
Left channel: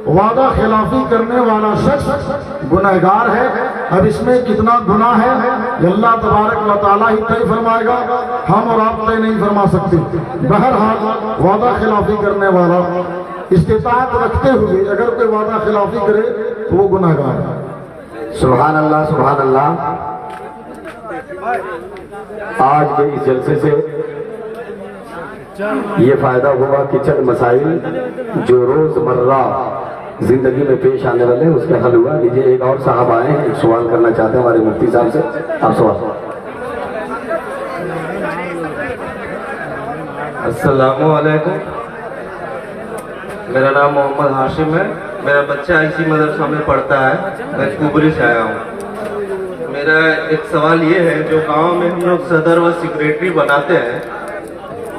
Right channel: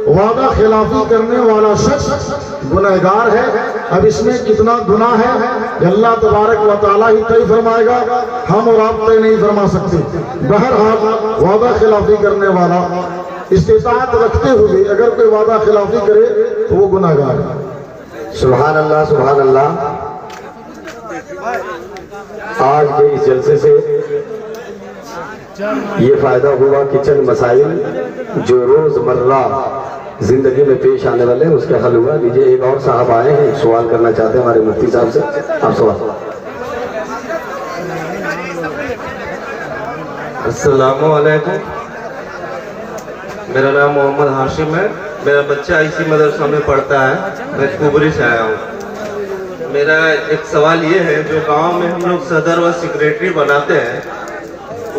वादा खिलाफी करने वाला शख्स गुनहगार है। अब इसमें कितना गुनाह है अल्लाह तबारक व तआला ही तय फरमाएगा, हम और आप तय नहीं फरमा सकते। बहरहाल वादा खिलाफी करने वाला इस्तिताअत रखते हुए अगर कोई वादा खिलाफी करे तो वो गुनहगार है। सुभान अल्लाह सुभान अल्लाह। आज के इस जलसे से ये फायदा हुआ कि चंद मसाइल जो रोजमर्रा जिंदगी में पेश आने वाले हैं उसका हल हुआ। लीजिए एक और साहब आए हैं, एक सवाल करना चाहते हैं हमारे मुफ्ती साहब से। आप सवाल। अस्सलामु अलैकुम। मेरा नाम मोहम्मद हाशिम है। मेरा बच्चा इसी मदरसा में पढ़ता है। मैं कुबरी से आया हूँ। मेरा एक सवाल ये है, जो गांव में हम लोग सदर व सेक्रेटरी बनाते हैं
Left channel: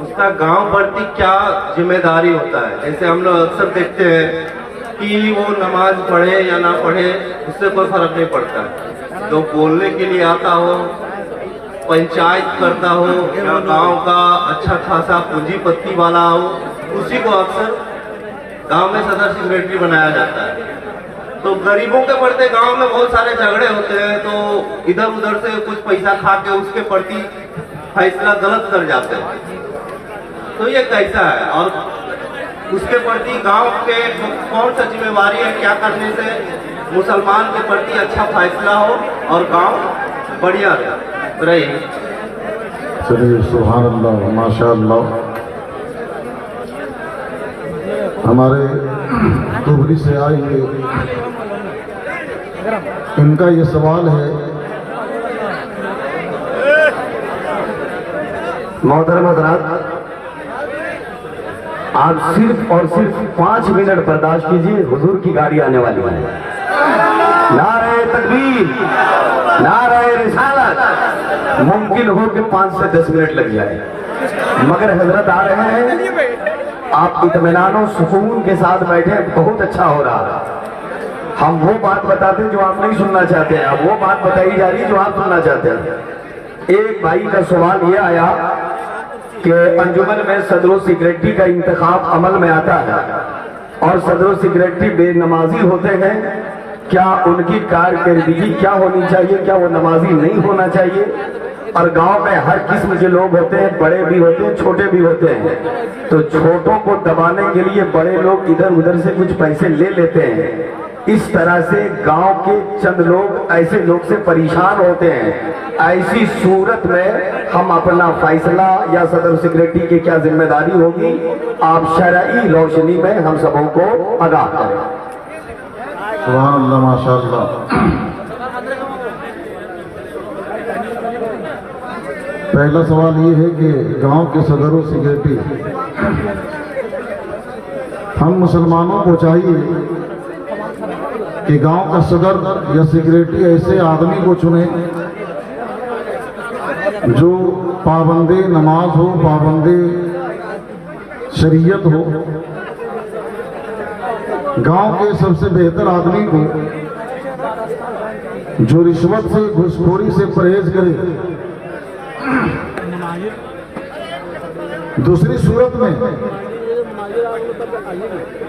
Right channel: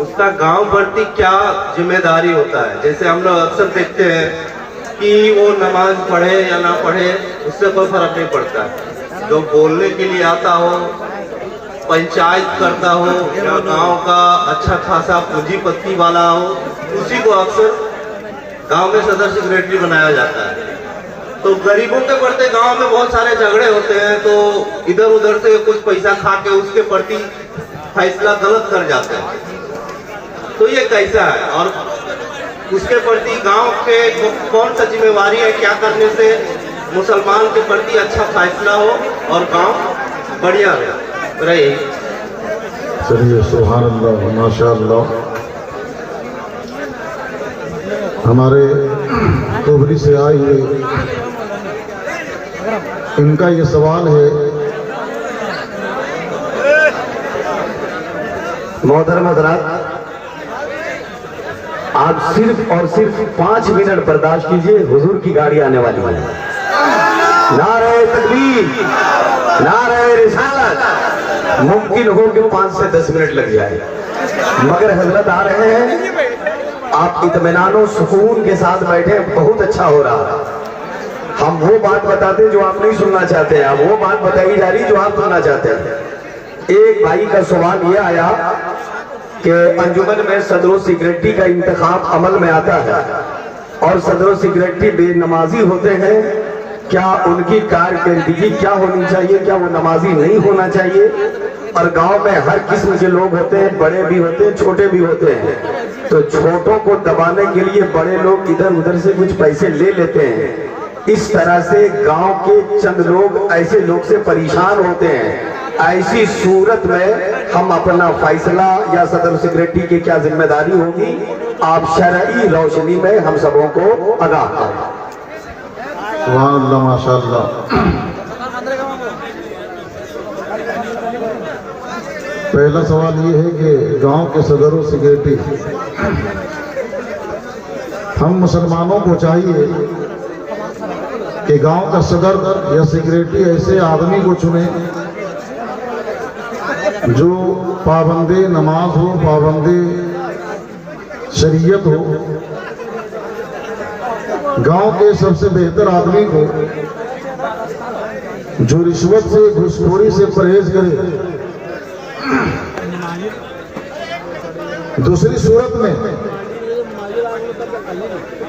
उसका गांव प्रति क्या जिम्मेदारी होता है? जैसे हम लोग अक्सर देखते हैं कि वो नमाज पढ़े या ना पढ़े उससे कोई फर्क नहीं पड़ता। जो बोलने के लिए आता हो, पंचायत करता हो या गांव का अच्छा खासा पूंजीपति वाला हो, उसी को अक्सर गांव में सदर सेक्रेटरी बनाया जाता है। तो गरीबों के प्रति गांव में बहुत सारे झगड़े होते हैं, तो इधर उधर से कुछ पैसा खा के उसके प्रति फैसला गलत कर जाते हैं। तो ये कैसा है और उसके प्रति गांव के कौन सा जिम्मेवारी है? क्या करने से मुसलमान के प्रति अच्छा फैसला हो और गांव बढ़िया रहे? चलिए सुभान अल्लाह माशाअल्लाह। हमारे कुबरी से आए हुए इनका ये सवाल है। मोहतरम हज़रात, आप सिर्फ और सिर्फ 5 मिनट बर्दाश्त कीजिए, हुजूर की गाड़ी आने वाली है। नारे तकबीर, नारे रिसालत। मुमकिन हो कि 5 से 10 मिनट लग जाए, मगर हजरत आ रहे हैं। आप इत्मीनान और सुकून के साथ बैठे, बहुत अच्छा हो रहा है। हम वो बात बताते हैं जो आप नहीं सुनना चाहते हैं, अब वो बात बताई जा रही जो आप सुनना चाहते हैं। एक भाई का सवाल ये आया कि अंजुमन में सदर सेक्रेटरी का इंतखाब अमल में आता है और सदर सेक्रेटरी बेनमाजी होते हैं, क्या उनकी कारकर्दगी क्या होनी चाहिए? क्या वो नमाजी नहीं होना चाहिए? और गांव में हर किस्म के लोग होते हैं, बड़े भी होते हैं, छोटे भी होते हैं। तो छोटों को दबाने के लिए बड़े लोग इधर उधर से कुछ पैसे ले लेते हैं। इस तरह से गांव के चंद लोग ऐसे लोग से परेशान होते हैं। ऐसी सूरत में हम अपना फैसला या सदर सेक्रेटरी की क्या जिम्मेदारी होगी, आप शरई रोशनी में हम सबों को आगाह करें। सुभान अल्लाह माशाअल्लाह। पहला सवाल ये है कि गांव के सदर व सेक्रेटरी, हम मुसलमानों को चाहिए कि गांव का सदर या सेक्रेटरी ऐसे आदमी को चुने जो पाबंदे नमाज हो, पाबंदे शरीयत हो। गांव के सबसे बेहतर आदमी को जो रिश्वत से, घूसखोरी से परहेज करे। दूसरी सूरत में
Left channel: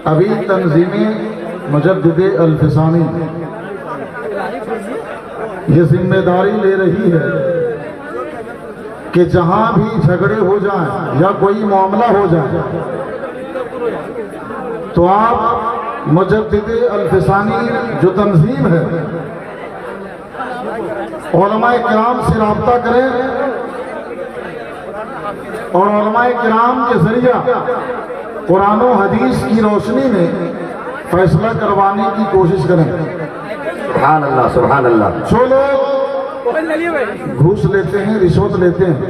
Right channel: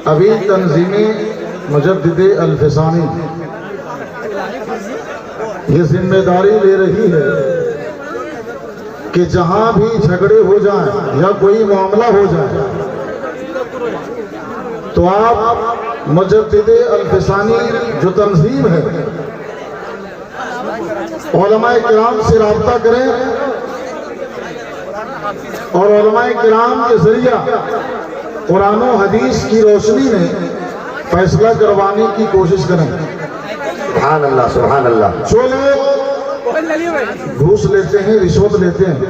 अभी तंजीमे मुजद्दिदे अल-फिसानी ये जिम्मेदारी ले रही है कि जहां भी झगड़े हो जाएं या कोई मामला हो जाए तो आप मुजद्दिदे अल-फिसानी जो तंजीम है उलमाए किराम से राब्ता करें और उलमाए किराम के जरिया कुरान और हदीस की रोशनी में फैसला करवाने की कोशिश करें। सुभान अल्लाह सुभान अल्लाह। जो लोग घूस लेते हैं, रिश्वत लेते हैं,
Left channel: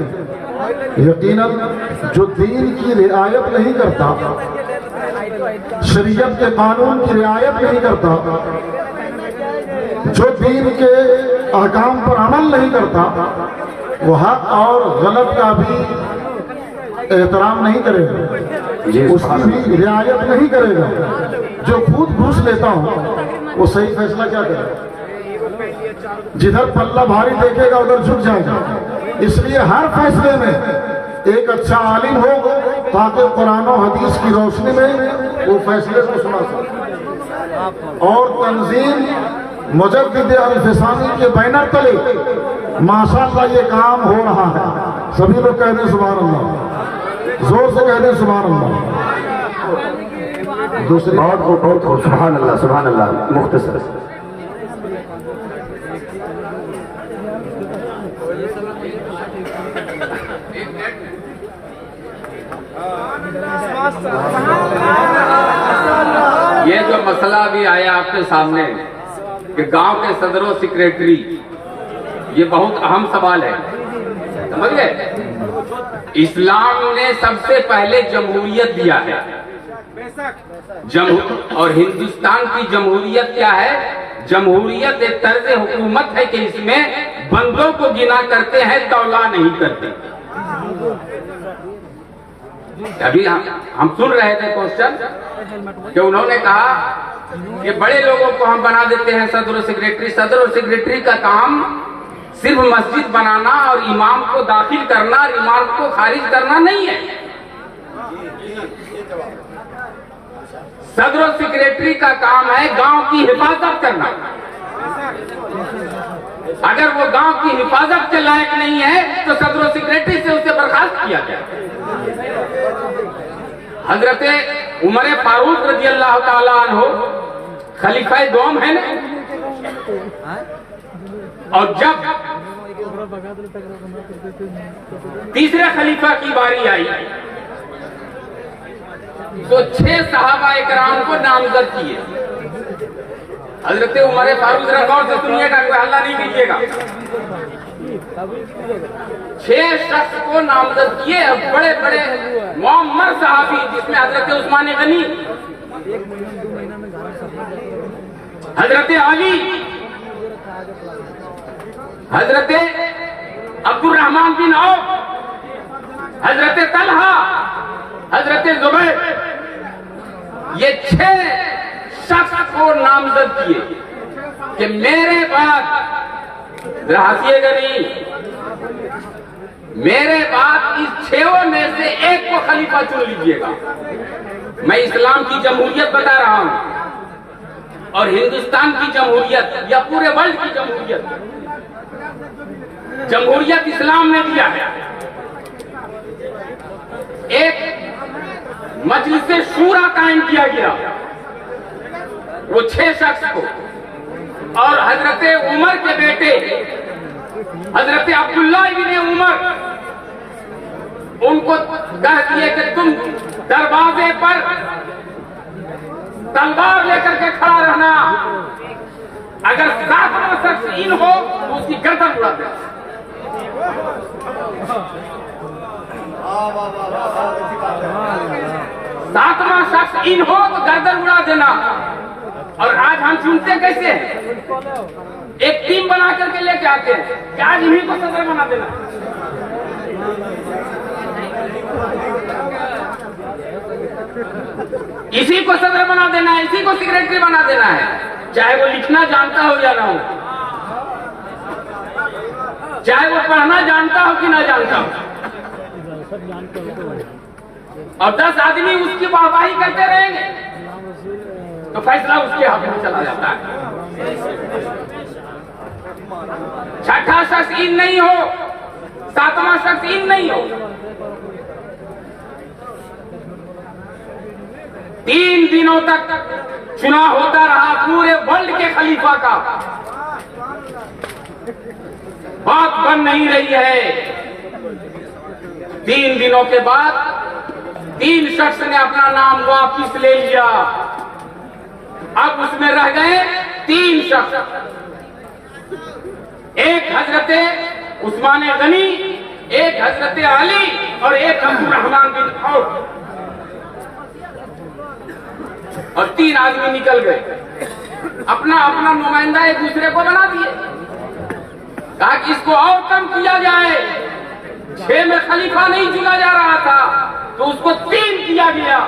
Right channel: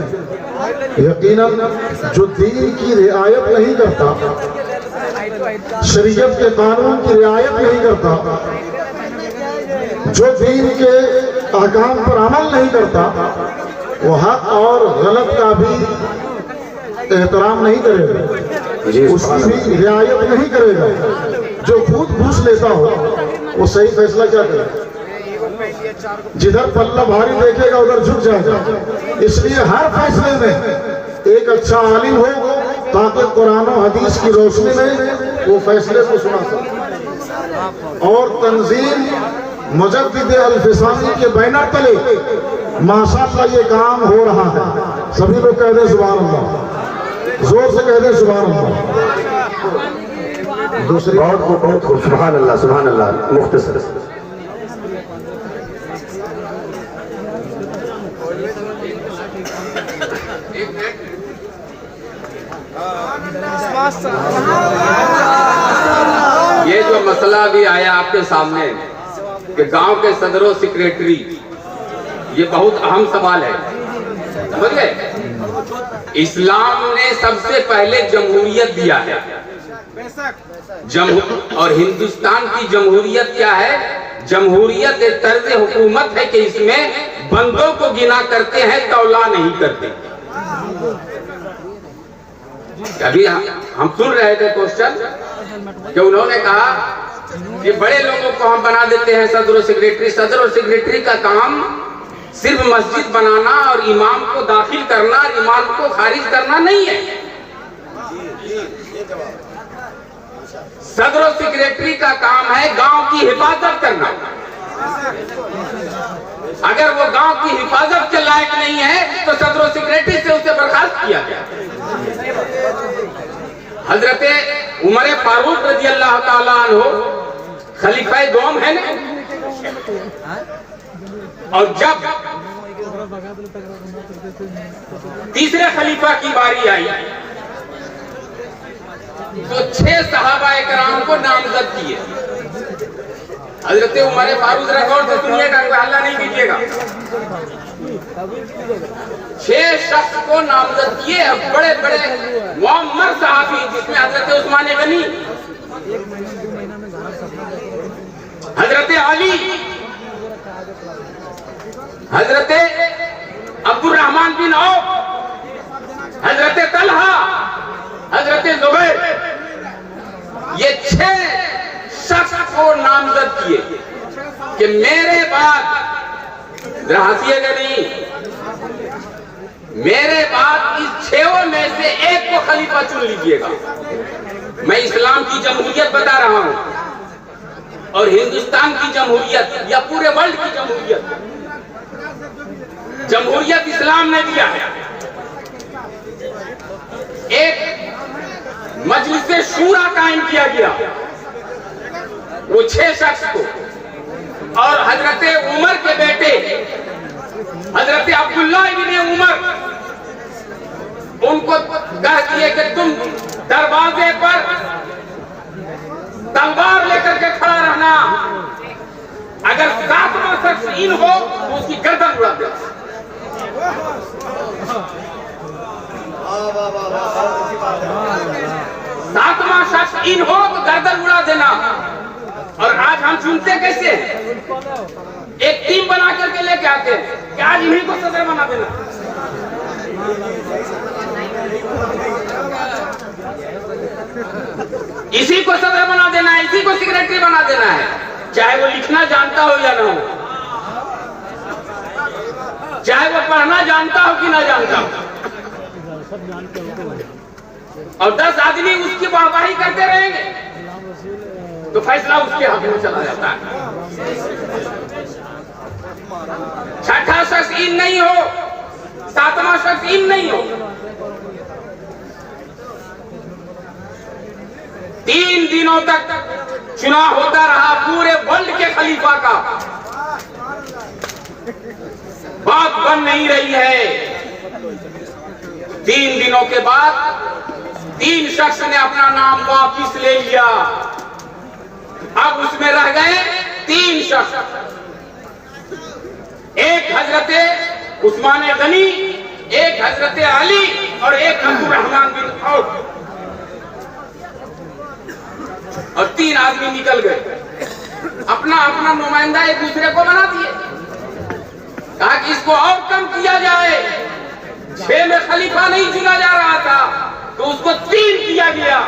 यकीनन जो दीन की रियायत नहीं करता, शरीयत के कानून की रियायत नहीं करता, जो दीन के अहकाम पर अमल नहीं करता, वो हक और गलत का भी एहतराम नहीं करेगा, उसकी भी रियायत नहीं करेगा। जो खुद घूस लेता हो वो सही फैसला क्या करेगा? जिधर पल्ला भारी देखेगा उधर झुक जाएगा। इसलिए हर फैसले में एक अच्छा आलिम हो ताकि कुरान और हदीस की रोशनी में वो फैसले को सुना सके। और तंजीम मुजद्दिद अल-फिसानी के बैनर तले माशाअल्लाह ये काम हो रहा है। सभी लोग कह दें सुभान अल्लाह, जोर से कह दें सुभान अल्लाह। दूसरी बहुत सुभान अल्लाह सुभान अल्लाह। मुख्तसर ये जो मसला भी आया आपके सामने कि गांव के सदरों सेक्रेटरी, ये बहुत अहम सवाल है, समझ गए। इस्लाम ने सबसे पहले जमहूरियत दिया है, और हिंदुस्तान की जमहूरियत क्या है? जमहूरियत एक तर्ज हुकूमत है कि इसमें बंदों को गिना करते हैं, तौला नहीं करते। अभी हम सुन रहे थे क्वेश्चन कि उन्होंने कहा कि बड़े लोगों को हम बना देते हैं सदर और सेक्रेटरी। सदर और सेक्रेटरी का काम सिर्फ मस्जिद बनाना और इमाम को दाखिल करना और इमाम को खारिज करना नहीं है। सदर और सेक्रेटरी का काम है गांव की हिफाजत करना। अगर वो गांव की हिफाजत के लायक नहीं है तो सदर और सेक्रेटरी से उसे बर्खास्त किया गया। हजरत उमर फारूक रजी अल्लाह ताला अन्हु खलीफा दोम है ना, और जब तीसरे खलीफा की बारी आई तो 6 सहाबा इकराम को नामजद किए। हजरत उमर फारूक गौर से सुनिएगा, कोई हल्ला नहीं कीजिएगा। 6 शख्स को नामजद किए, बड़े बड़े मुअम्मर सहाबी, जिसमें हजरत उस्मान गनी, हजरत अली, हजरत अब्दुल रहमान बिन औफ, हजरत तलहा, हजरत जुबैर, ये 6 शख्स को नामजद किए कि मेरे बाद, हंसिएगा नहीं, मेरे बाद इस 6 में से एक को खलीफा चुन लीजिएगा। मैं इस्लाम की जमहूरियत बता रहा हूं, और हिंदुस्तान की जमहूरियत या पूरे वर्ल्ड की जमहूरियत, जमहूरियत इस्लाम ने दिया है। एक मजलिस शूरा कायम किया गया, वो 6 शख्स को, और हजरत उमर के बेटे हजरत अब्दुल्ला इब्ने उमर, उनको कह दिए कि तुम दरवाजे पर तलवार लेकर के खड़ा रहना, अगर 7वां शख्स इन हो तो उसकी गर्दन उड़ा दे। 7वां शख्स इन हो तो गर्दन उड़ा देना। और आज हम सुनते कैसे हैं? एक टीम बना करके लेके आते हैं कि आज इन्हीं को सदर बना देना। इसी को सदर बना देना है, इसी को सेक्रेटरी बना देना है, चाहे वो लिखना जानता हो या ना हो, चाहे वो पढ़ना जानता हो कि ना जानता हो, और 10 आदमी उसकी वाहवाही करते रहेंगे तो फैसला उसके हक में चला जाता है। 6ठा शख्स इन नहीं हो, 7वां शख्स इन नहीं हो। 3 दिनों तक चुनाव होता रहा पूरे वर्ल्ड के खलीफा का, बात बन नहीं रही है। 3 दिनों के बाद 3 शख्स ने अपना नाम वापिस ले लिया। अब उसमें रह गए 3 शख्स, एक हजरत उस्मान गनी, एक हजरत अली और एक अब्दुल रहमान बिन औफ, और 3 आदमी निकल गए, अपना अपना नुमाइंदा एक दूसरे को बना दिए। कहा कि इसको और कम किया जाए, 6 में खलीफा नहीं चुना जा रहा था तो उसको 3 किया गया।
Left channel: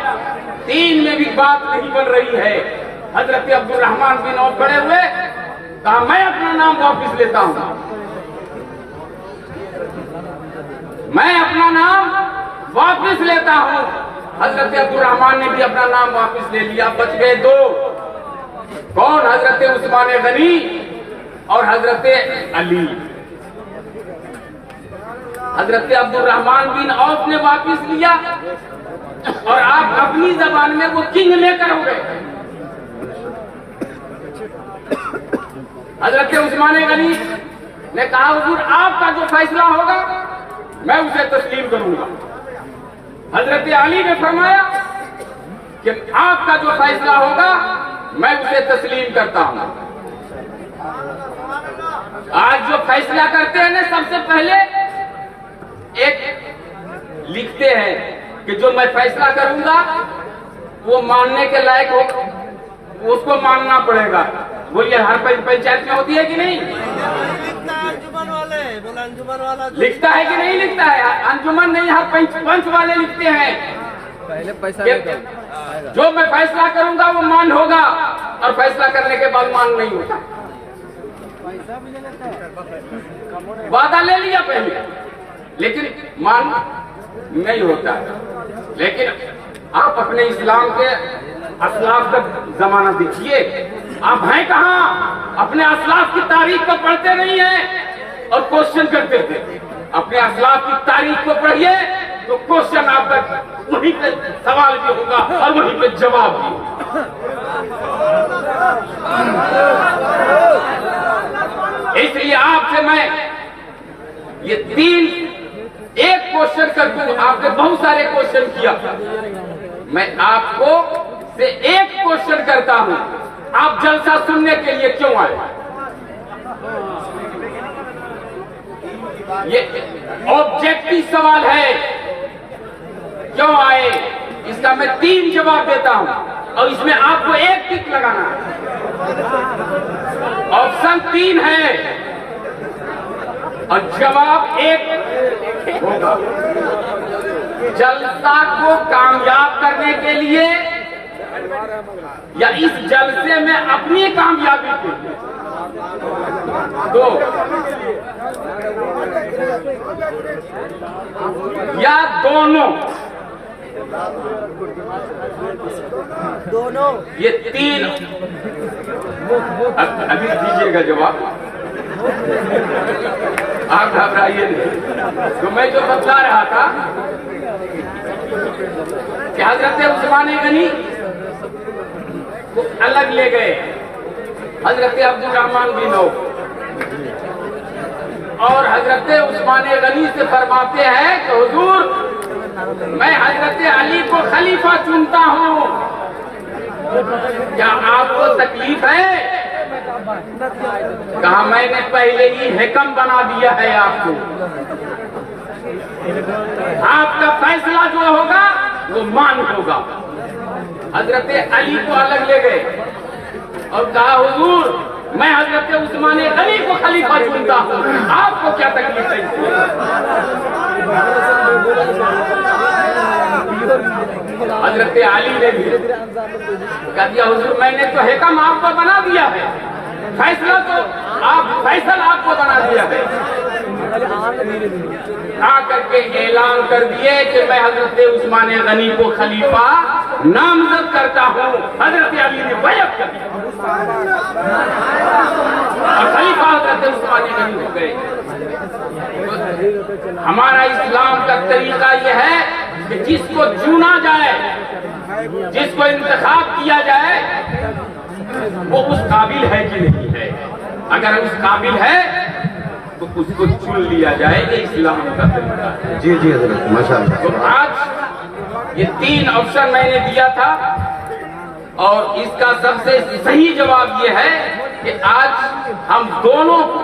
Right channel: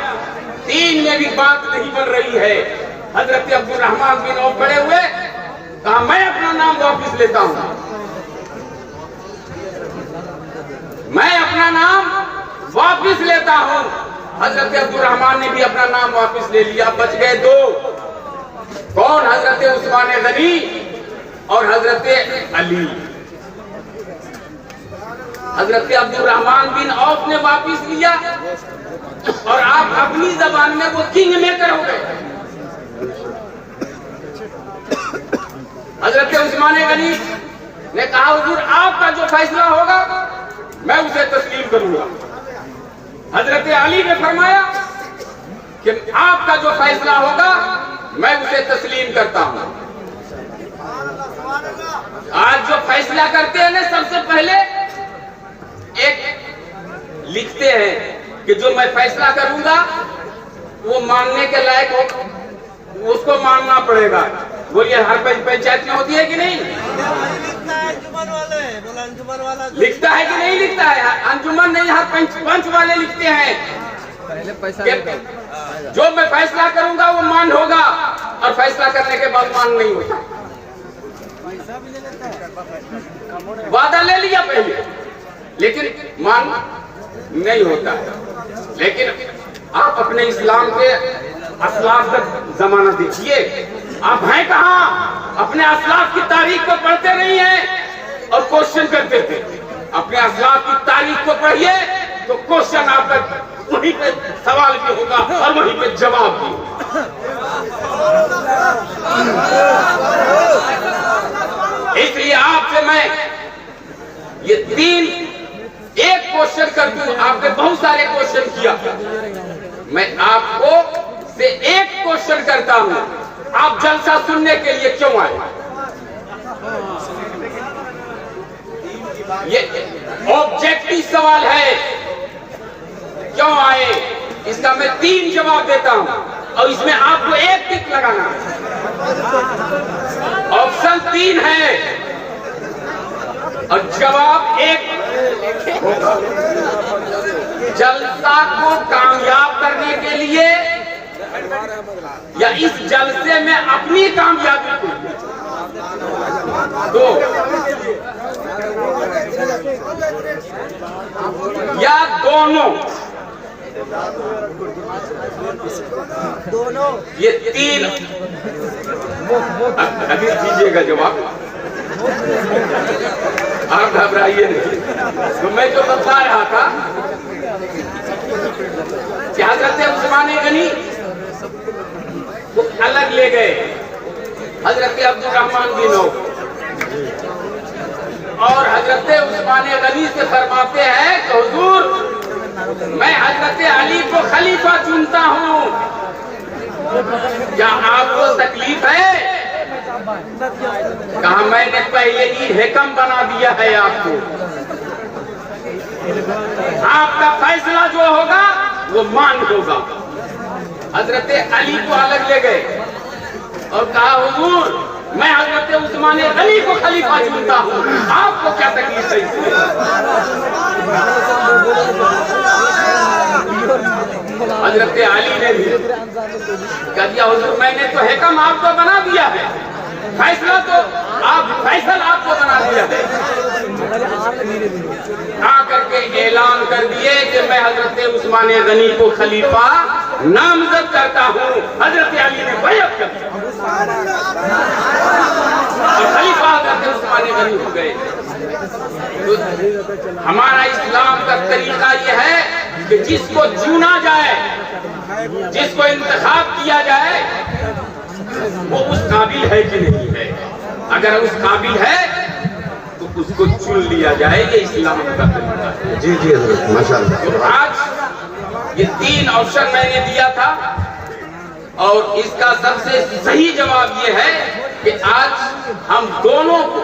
3 में भी बात नहीं बन रही है। हजरत अब्दुल रहमान बिन औफ खड़े हुए, कहा मैं अपना नाम वापिस लेता हूं, मैं अपना नाम वापिस लेता हूं। हजरत अब्दुल रहमान ने भी अपना नाम वापिस ले लिया। बच गए 2, कौन? हजरत उस्मान गनी और हजरत अली। हजरत अब्दुल रहमान बिन औफ ने वापिस लिया और आप अपनी जबान में वो किंग मेकर हो गए। हजरत उस्मान गनी ने कहा हुजूर आपका जो फैसला होगा मैं उसे तस्लीम करूंगा। हजरत अली ने फरमाया कि आपका जो फैसला होगा मैं उसे तस्लीम करता हूं। आज जो फैसला करते हैं ना, सबसे पहले एक लिखते हैं कि जो मैं फैसला करूंगा वो मानने के लायक हो, उसको मानना पड़ेगा। वो ये हर पंचायत में होती है कि नहीं? लिखता है कि नहीं लिखता है? अंजुमन नहीं, हर पंच वाले लिखते हैं कि जो मैं फैसला करूंगा वो मान होगा, और फैसला करने के बाद मान नहीं होगा। वादा ले लिया पहले, लेकिन मान नहीं होता है। लेकिन आप अपने इस्लाम के असलाफ का जमाना देखिए, आप हैं कहाँ? अपने असलाफ की तारीख को पढ़ते नहीं हैं और क्वेश्चन करते थे। अपने असलाफ की तारीख को पढ़िए तो क्वेश्चन आपका वहीं पे सवाल भी होगा और वहीं पे जवाब भी होगा। इसलिए आपसे मैं ये एक क्वेश्चन कर दूं। आपने बहुत सारे क्वेश्चन किया, मैं आपको से एक क्वेश्चन करता हूं, आप जलसा सुनने के लिए क्यों आए? ये ऑब्जेक्टिव सवाल है, क्यों आए? इसका मैं 3 जवाब देता हूं और इसमें आपको एक टिक लगाना है। ऑप्शन 3 है और जवाब 1 होगा। जलसा को कामयाब करने के लिए या इस जलसे में अपनी कामयाबी के लिए? 2 या दोनों? ये 3 अभी दीजिएगा जवाब, आप घबराइए नहीं। तो मैं जो बता रहा था कि हजरत उस्मान गनी वो अलग ले गए हजरत अब्दुल रहमान बिन औफ, और हजरत उस्मान गनी से फरमाते हैं कि हुजूर मैं हजरत अली को खलीफा चुनता हूँ, क्या आपको तकलीफ है? कहा मैंने पहले ही हिकम बना दिया है आपको, आपका फैसला जो होगा वो मान होगा। हजरत अली को अलग ले गए और कहा हुजूर मैं हजरत उस्मान गनी को खलीफा चुनता हूँ, आपको क्या तकलीफ है? हजरत अली ने कह दिया हुजूर मैंने तो हिकम आपको बना दिया है, फैसला तो फैसला आपको बना दिया है। आकर के ऐलान कर दिए कि मैं हजरत उस्मान गनी को खलीफा नामजद करता हूँ। हजरत अली ने बैअत कर दिया और खलीफा हजरत उस्मान गनी हो गए। तो हमारा इस्लाम का तरीका यह है कि जिसको चुना जाए, जिसको इंतखाब किया जाए, वो उस काबिल है कि नहीं है। अगर उस काबिल है तो उसको चुन लिया जाए, ये इस्लाम का तरीका है। जी जी माशाअल्लाह। तो आज ये 3 ऑप्शन मैंने दिया था और इसका सबसे सही जवाब ये है कि आज हम दोनों को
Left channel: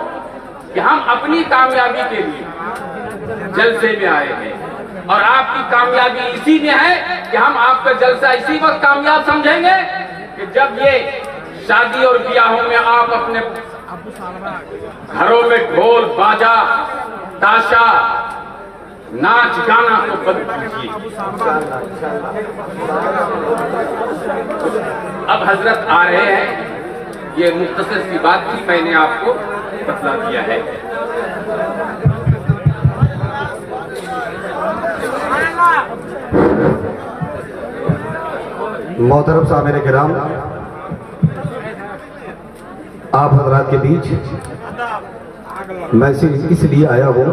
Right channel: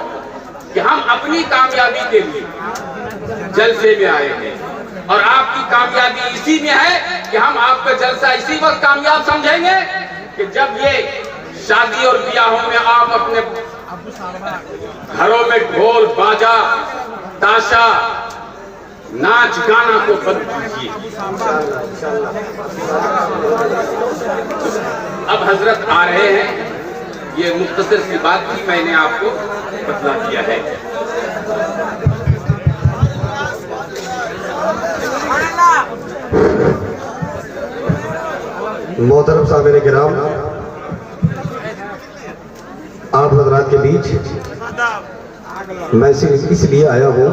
कि हम अपनी कामयाबी के लिए जलसे में आए हैं और आपकी कामयाबी इसी में है कि हम आपका जलसा इसी वक्त कामयाब समझेंगे कि जब ये शादी और ब्याहों में आप अपने घरों में ढोल बाजा ताशा नाच गाना को बंद कीजिए। अब हजरत आ रहे हैं, ये मुख्तसर सी बात भी मैंने आपको बता दिया है। मोहतरम सामने किराम, आप हजरात के बीच मैं सिर्फ इसलिए आया हूँ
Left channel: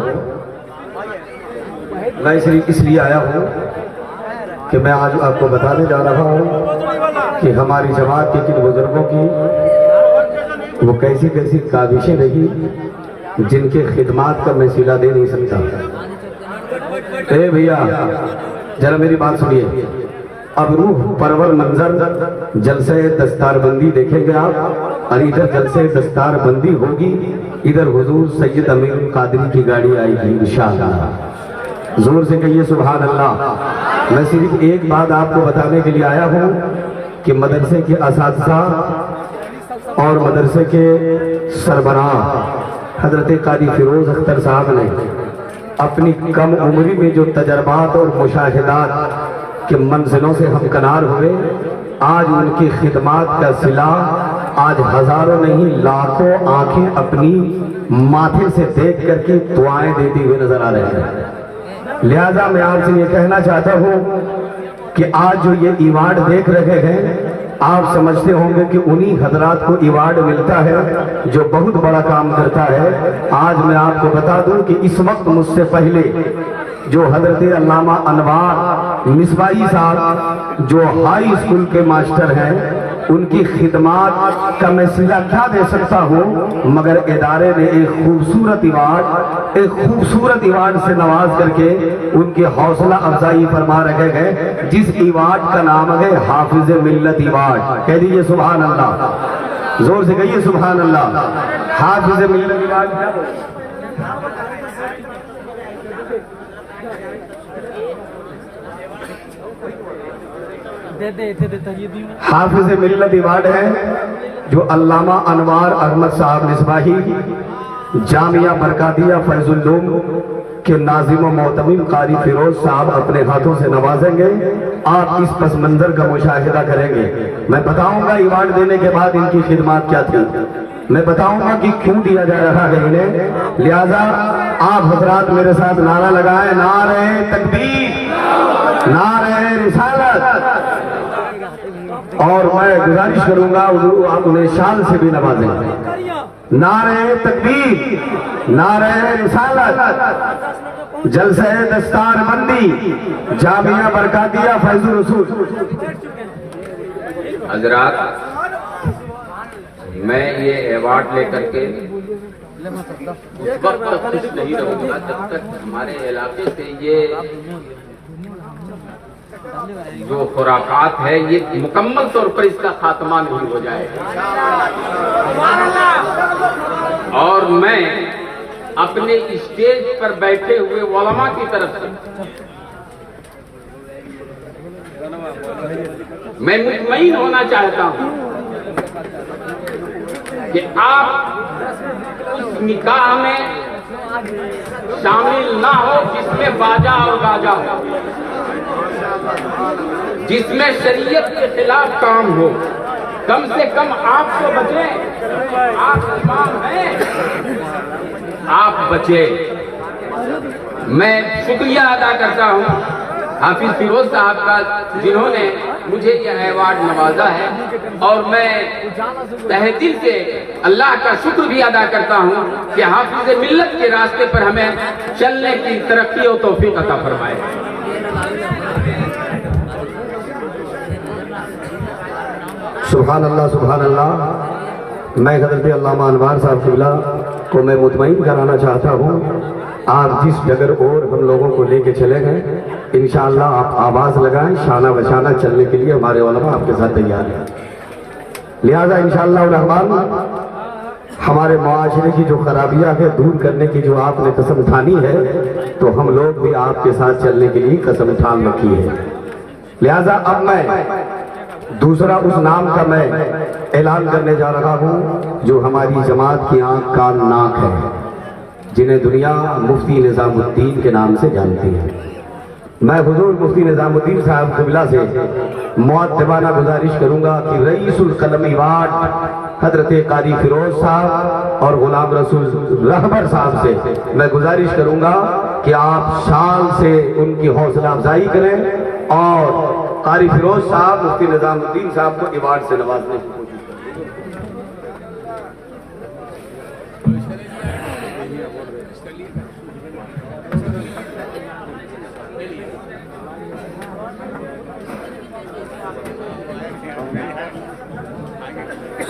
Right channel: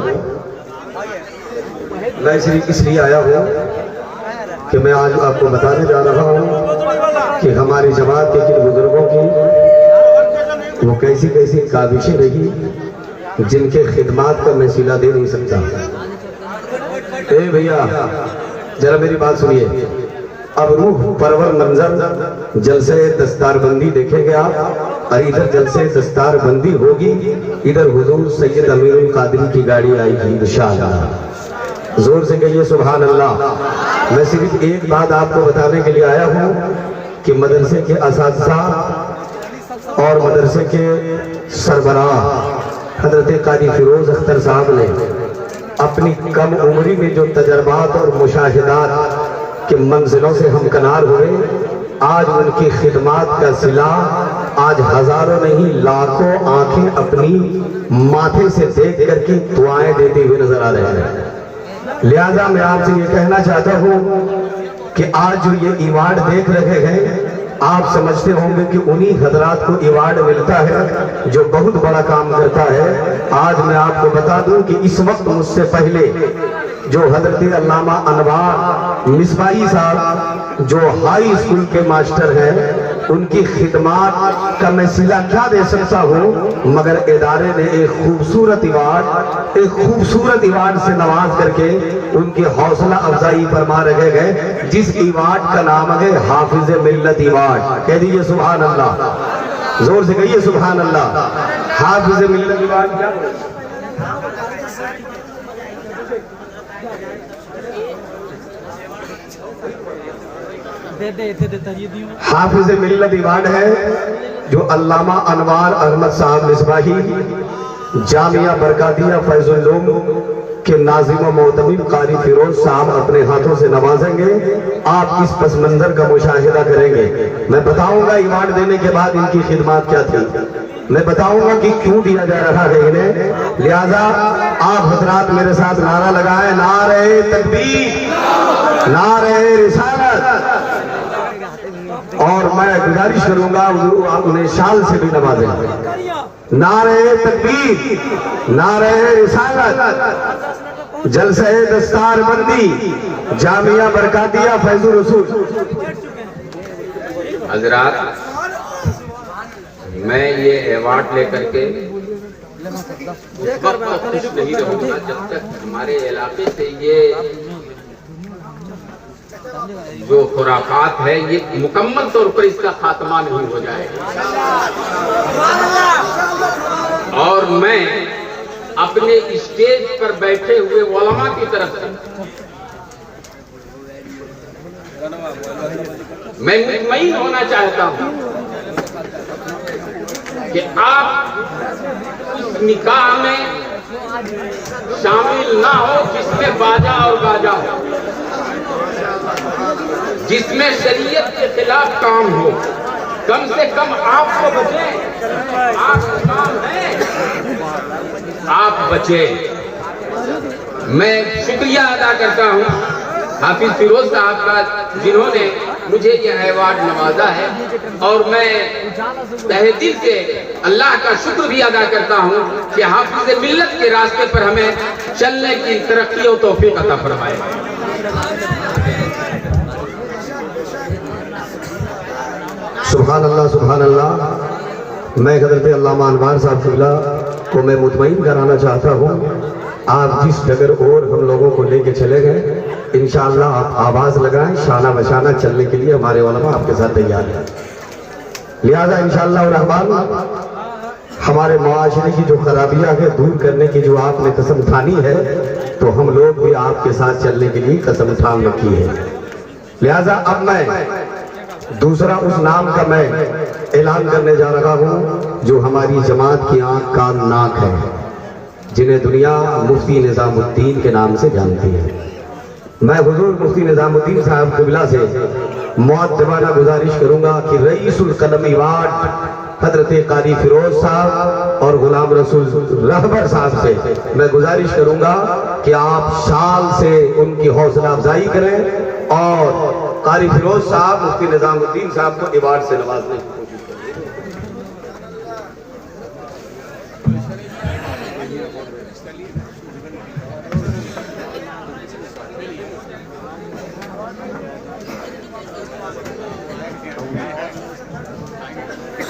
कि मैं आज आपको बताने जा रहा हूँ कि हमारी जमात के किन बुजुर्गों की वो कैसी कैसी काबिशें रही जिनके खिदमात का मैं सिला दे नहीं सकता। भैया जरा मेरी बात सुनिए, अब रूह परवर मंजर जलसे दस्तारबंदी देखेंगे आप, और इधर जलसे दस्तारबंदी होगी, इधर हुजूर सैयद अमीरुल कादरी की गाड़ी आएगी इंशाअल्लाह। जोर से कहिए सुभान अल्लाह। मैं सिर्फ एक बात आपको बताने के लिए आया हूँ कि मदरसे के असातिज़ा और मदरसे के सरबराह हजरत कादी फिरोज अख्तर साहब ने अपनी कम उम्री में जो तजर्बात और मुशाहिदात के मंजिलों से हमकनार हुए, आज उनकी खिदमात का सिला आज हजारों नहीं लाखों आंखें अपनी माथे से देख करके दुआएं देते हुए नजर आ रहे हैं। लिहाजा मैं आपसे ये कहना चाहता हूँ कि आज जो ये इवार्ड देख रहे हैं, आप समझते होंगे कि उन्हीं हजरात को इवार्ड मिलता है जो बहुत बड़ा काम करता है। आज मैं आपको बता दूं कि इस वक्त मुझसे पहले जो हजरत अल्लामा अनवार मिसबाही साहब जो हाई स्कूल के मास्टर हैं, उनकी खिदमात का मैं सिला क्या दे सकता हूँ, मगर इदारे ने एक खूबसूरत इवार्ड से नवाज करके उनकी हौसला अफजाई फरमा रखे गए, जिस इवार्ड का नाम है हाफिज मिल्लत इवार्ड। कह दीजिए सुभान अल्लाह, जोर से कहिए सुभान अल्लाह। हाफिज मिल्लत इवार्ड क्या हाफिज मिल्लत इवार्ड है जो अल्लामा अनवार अहमद साहब मिसबाही जामिया बरकातिया फैजुल्लूम के नाजिम मोहतमिम कारी फिरोज साहब अपने हाथों से नवाजेंगे। आप इस पस मंजर का मुशाहिदा करेंगे। मैं बताऊंगा इवार्ड देने के बाद इनकी खिदमत क्या थी, मैं बताऊंगा कि क्यों दिया जा रहा है इन्हें। लिहाजा आप हजरात मेरे साथ नारा लगाए, नारे तकबीर, नारे रिसालत, और मैं गुजारिश करूंगा आप उन्हें शाल से भी नवाजें। नारे तकबीर, नारे रिसालत, जलसे दस्तारबंदी, जामिया बरकातिया फैजुल रसूल। हजरात, मैं ये अवार्ड लेकर के तब तक खुश नहीं रहूंगा जब तक हमारे इलाके से ये जो खुराफात है ये मुकम्मल तौर पर इसका खात्मा नहीं हो जाए। और मैं अपने स्टेज पर बैठे हुए उलमा की तरफ से मैं मुतमईन होना चाहता हूं कि आप उस निकाह में शामिल ना हो जिसमें बाजा और गाजा हो, जिसमें शरीयत के खिलाफ काम हो। कम से कम आपको बचे, आप इमाम हैं, आप बचे। मैं शुक्रिया अदा करता हूं हाफिज फिरोज साहब का, जिन्होंने मुझे यह अवार्ड नवाजा है, और मैं तहे दिल से अल्लाह का शुक्र भी अदा करता हूं कि हाफिज मिल्लत के रास्ते पर हमें चलने की तरक्की और तौफीक अता फरमाए। सुभान अल्लाह, सुभान अल्लाह। मैं हजरत अल्लामा अनवार साहब क़िबला को मैं मुतमईन कराना चाहता हूँ। आप जिस डगर और हम लोगों को लेके चले गए, इंशाअल्लाह आप आवाज़ लगाएं, शाना बशाना चलने के लिए हमारे उलमा आपके साथ तैयार हैं। लिहाजा इंशाअल्लाह रहमान हमारे मुआशरे की जो खराबियाँ है दूर करने की जो आपने कसम ठानी है, तो हम लोग भी आपके साथ चलने के लिए कसम ठान रखी है। लिहाजा अब मैं दूसरा उस नाम का मैं ऐलान करने जा रहा हूँ जो हमारी जमात की आंख कान नाक है, जिन्हें दुनिया मुफ्ती निजामुद्दीन के नाम से जानती है। मैं हुजूर मुफ्ती निजामुद्दीन साहब क़िबला से मुअद्दबाना गुजारिश करूंगा कि रईसुल कलम इवार्ड हजरत कारी फिरोज साहब और गुलाम रसूल रहबर साहब से मैं गुजारिश करूंगा कि आप शान से उनकी हौसला अफजाई करें और कारी फिरोज साहब मुफ्ती निजामुद्दीन साहब को इवार्ड से नवाजने की कोशिश करें।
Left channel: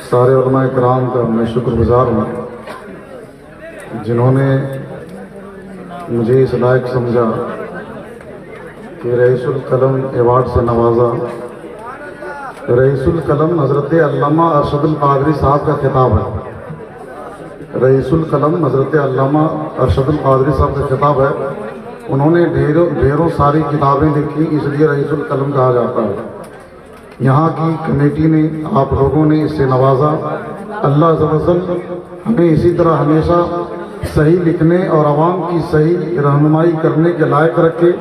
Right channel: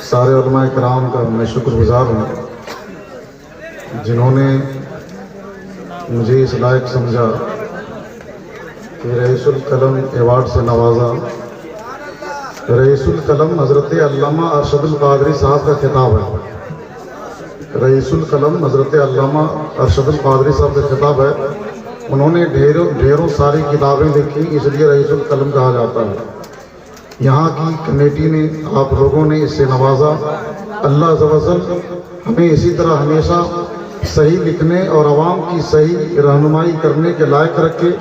सारे उलमा किराम का मैं शुक्रगुजार हूँ जिन्होंने मुझे इस लायक समझा कि रईसुल कलम अवार्ड से नवाजा। रईसुल कलम हज़रत अल्लामा अरशदुल कादरी साहब का खिताब है। रईसुल कलम हज़रत अल्लामा अरशदुल कादरी साहब का खिताब है। उन्होंने ढेरों सारी किताबें लिखी, इसलिए रईसुल कलम कहा जाता है। यहाँ की कमेटी ने, आप लोगों ने इससे नवाजा। अल्लाह अज़्ज़ व जल हमें इसी तरह हमेशा सही लिखने और आवाम की सही रहनुमाई करने के लायक रखे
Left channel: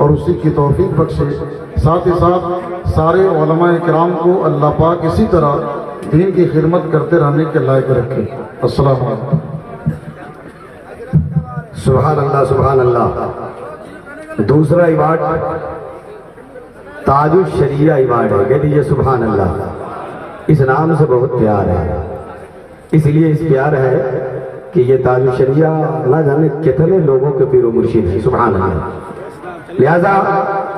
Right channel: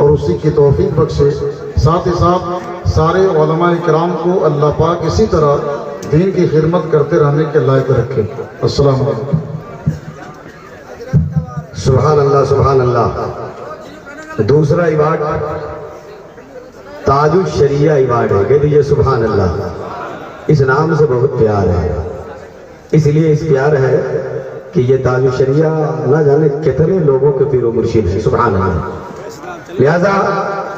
और उसी की तौफीक बख्शे। साथ ही साथ सारे उलमाए किराम को अल्लाह पाक इसी तरह दीन की खिदमत करते रहने के लायक रखे। अस्सलाम वालेकुम। सुभान अल्लाह, सुभान अल्लाह। दूसरा इबाद ताजुल शरिया इबाद है। कह दीजिए सुभान अल्लाह। इस नाम से बहुत प्यार है, इसलिए इस प्यार है कि ये ताजुल शरिया ना जाने कितने लोगों के पीरो मुर्शिद है। सुभान अल्लाह। लिहाजा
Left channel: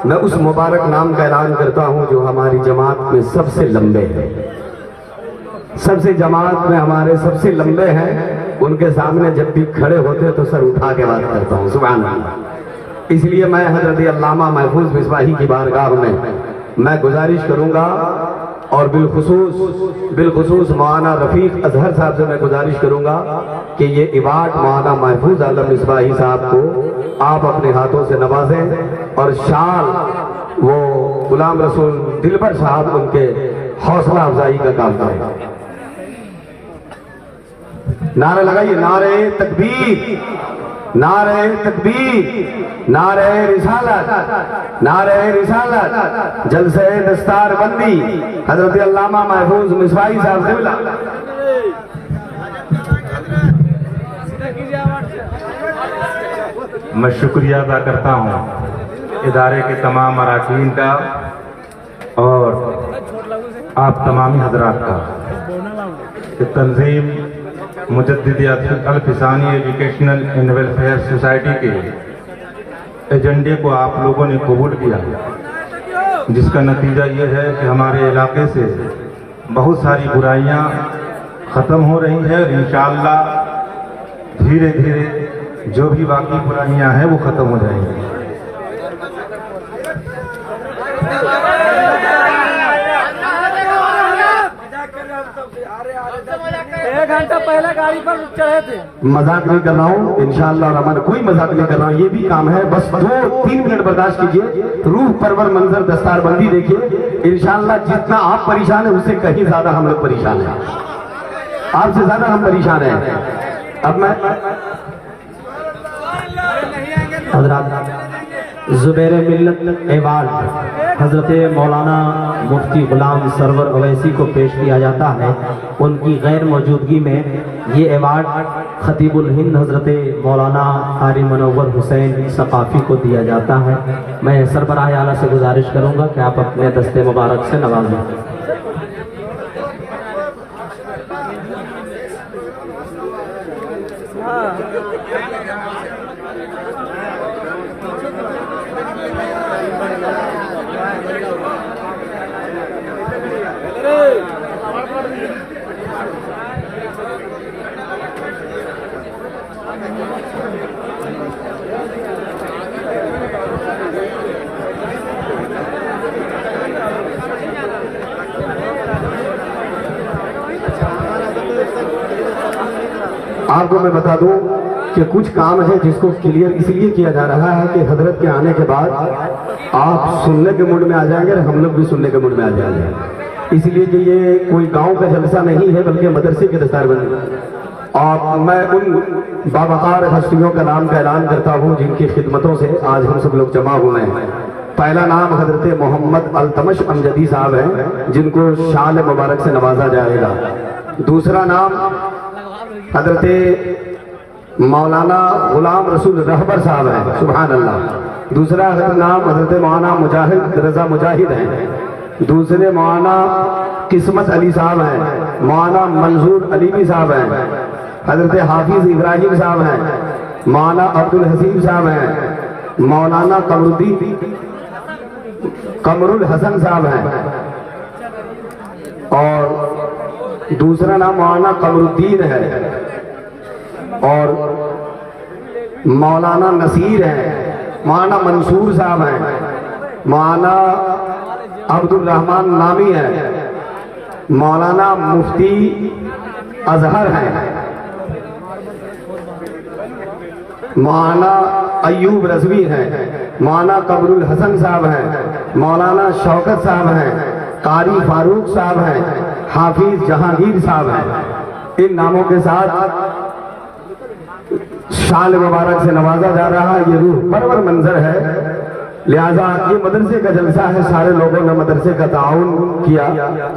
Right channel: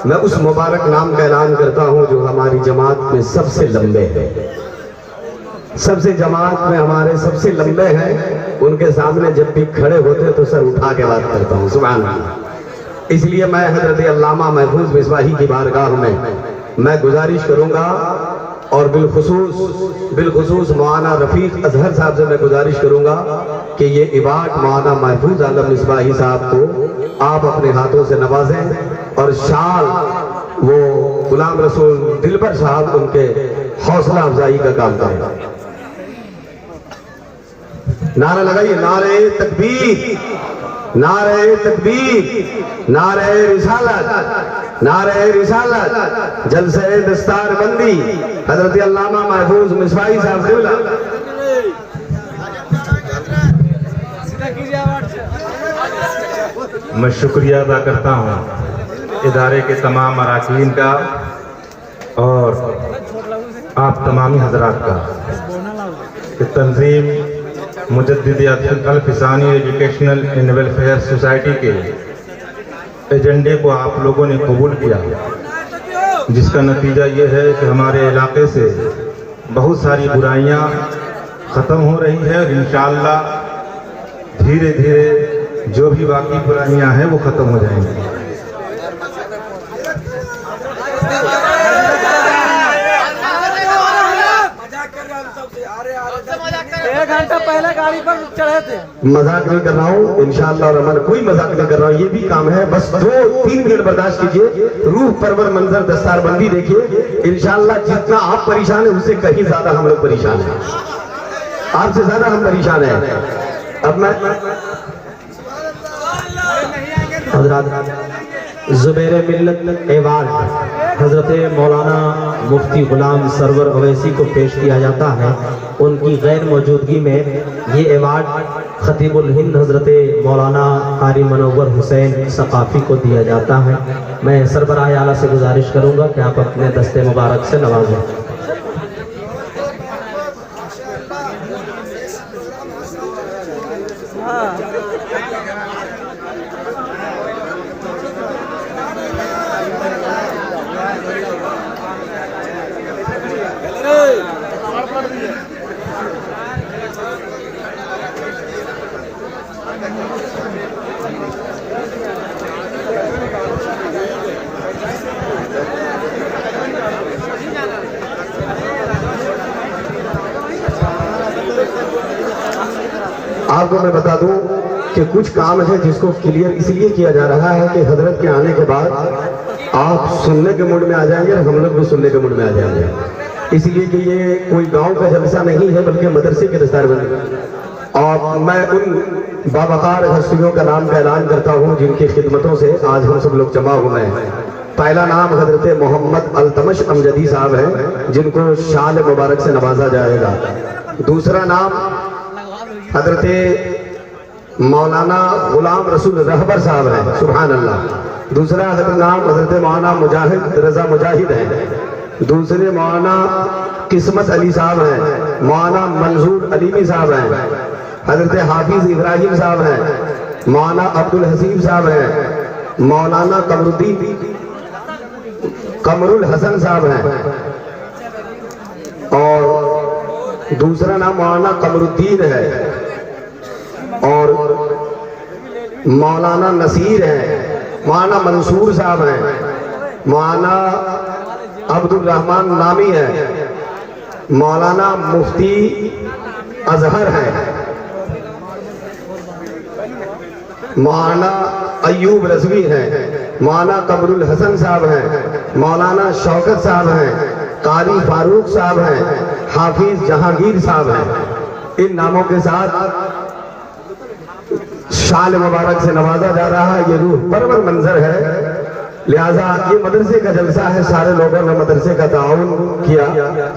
मैं उस मुबारक नाम का ऐलान करता हूँ जो हमारी जमात में सबसे लंबे हैं, सबसे जमात में हमारे सबसे लंबे हैं। उनके सामने जब भी खड़े होते तो सर उठा के बात करता हूँ। सुभान अल्लाह। इसलिए मैं हजरत अल्लामा महफूज मिसबाही की बारगाह में मैं गुजारिश करूंगा और बिलखुसूस मौलाना रफीक अजहर साहब से मैं गुजारिश करूंगा कि ये इबाद मौलाना महफूज आलम मिसबाही साहब को आप अपने हाथों से नवाजें और शाल वो गुलाम रसूल दिलबर साहब उनके हौसला अफजाई का काम करें। नारे लगाइए, नारे तकबीर, नारे तकबीर, नारे रिसालत, नारे रिसालत। जलसे दस्तार बंदी हजरत अल्लामा महफूज मिसबाही साहब क़िबला। मैं शुक्रिया अदा करता हूँ इदारे के तमाम अरकान का और आप तमामी हजरात का। कि Tanzeem Mujaddidi Alfisani educational and welfare society के एजेंडे को आप लोगों ने कबूल किया, जिसका नतीजा ये है कि हमारे इलाके से बहुत सारी बुराइयां ख़त्म हो रही हैं और इंशाअल्लाह धीरे धीरे जो भी बाकी बुराइयां हैं वो ख़त्म हो जाएंगी। एक घंटा पहले गाड़ी पर चढ़े थे। मजाक नहीं कर रहा हूँ, इंशाअल्लाह रहमान कोई मजाक नहीं कर रहा हूँ। ये भी काम है, बस 2-3 मिनट बर्दाश्त कीजिए। रूह परवर मंजर दस्तार बंदी देखिए। इंशाअल्लाह जितना आप परेशान है उससे कहीं ज्यादा हम लोग परेशान हैं, आपसे ज्यादा हम परेशान हैं। अब मैं ज़ुबैर मिल्लत एवार्ड हज़रत मौलाना मुफ्ती गुलाम सरवर अवैसी को पेश किया जाता है। उनकी गैर मौजूदगी में ये अवार्ड खतीबुल हिंद हज़रत मौलाना कारी मनोवर हुसैन सकाफ़ी को दिया जाता है। मैं सरबराह आला से गुजारिश करूँगा कि आप अपने दस्ते मुबारक से नवाजें। आपको मैं बता दूं कि कुछ काम है जिसको क्लियर इसलिए किया जा रहा है कि हजरत के आने के बाद आप सुनने के मूड में आ जाएंगे और हम लोग भी सुनने के मूड में आ जाएंगे। इसलिए कि ये कोई गांव का जलसा नहीं है बल्कि मदरसे की दस्तार बंदी। और मैं उन बावकार हस्तियों का नाम का ऐलान करता हूँ जिनकी खिदमतों से आज हम सब लोग जमा हुए हैं। पहला नाम हजरत मोहम्मद अल्तमश अमजदी साहब हैं जिनको शाल मुबारक से नवाजा जाएगा। दूसरा नाम हजरत मौलाना गुलाम रसूल रहबर साहब हैं। सुभान अल्लाह। दूसरा नाम हजरत मौलाना मुजाहिद रजा मुजाहिद हैं। दूसरे मौलाना किस्मत अली साहब हैं। मौलाना मंजूर अलीमी साहब हैं। हजरत हाफिज इब्राहिम साहब हैं। मौलाना अब्दुल हसीब साहब हैं। मौलाना कमरुल हसन साहब हैं। और दूसरा नाम मौलाना कमरुद्दीन है। और मौलाना नसीर हैं। मौलाना मंसूर साहब हैं। मौलाना अब्दुल रहमान नामी है, मौलाना मुफ्ती अजहर है, मौलाना अयूब रजवी हैं, मौलाना कमरुल हसन साहब हैं, मौलाना शौकत साहब हैं, कारी फारूक साहब हैं, हाफिज जहांगीर साहब हैं। इन नामों के साथ शाल मुबारक से नवाजा जा रहा है। ये रूह परवर मंजर है, लिहाजा ये मदरसे का जलसा है। सारे लोगों ने मदरसे का ताउन किया,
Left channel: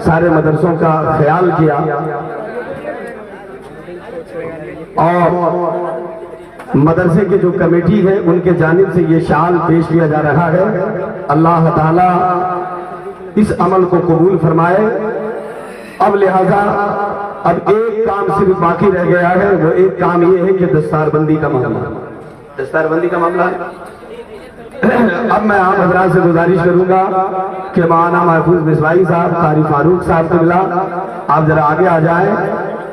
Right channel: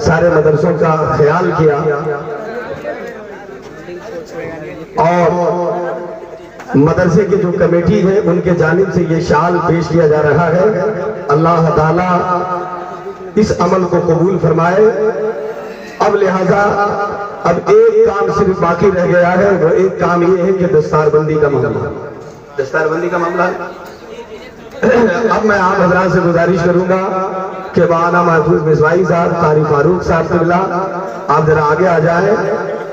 सारे मदरसों का ख्याल किया और मदरसे की जो कमेटी है उनके जानिब से ये शाल पेश किया जा रहा है। अल्लाह ताला इस अमल को कबूल फरमाए। अब लिहाजा अब एक काम सिर्फ बाकी रह गया है, वो एक काम ये है कि दस्तारबंदी का मामला, दस्तारबंदी का मामला। अब मैं आप हजरात से गुजारिश करूंगा कि मौलाना महफूज मिसवाई साहब, कारी फारूक साहब किबला, आप जरा आगे आ जाएं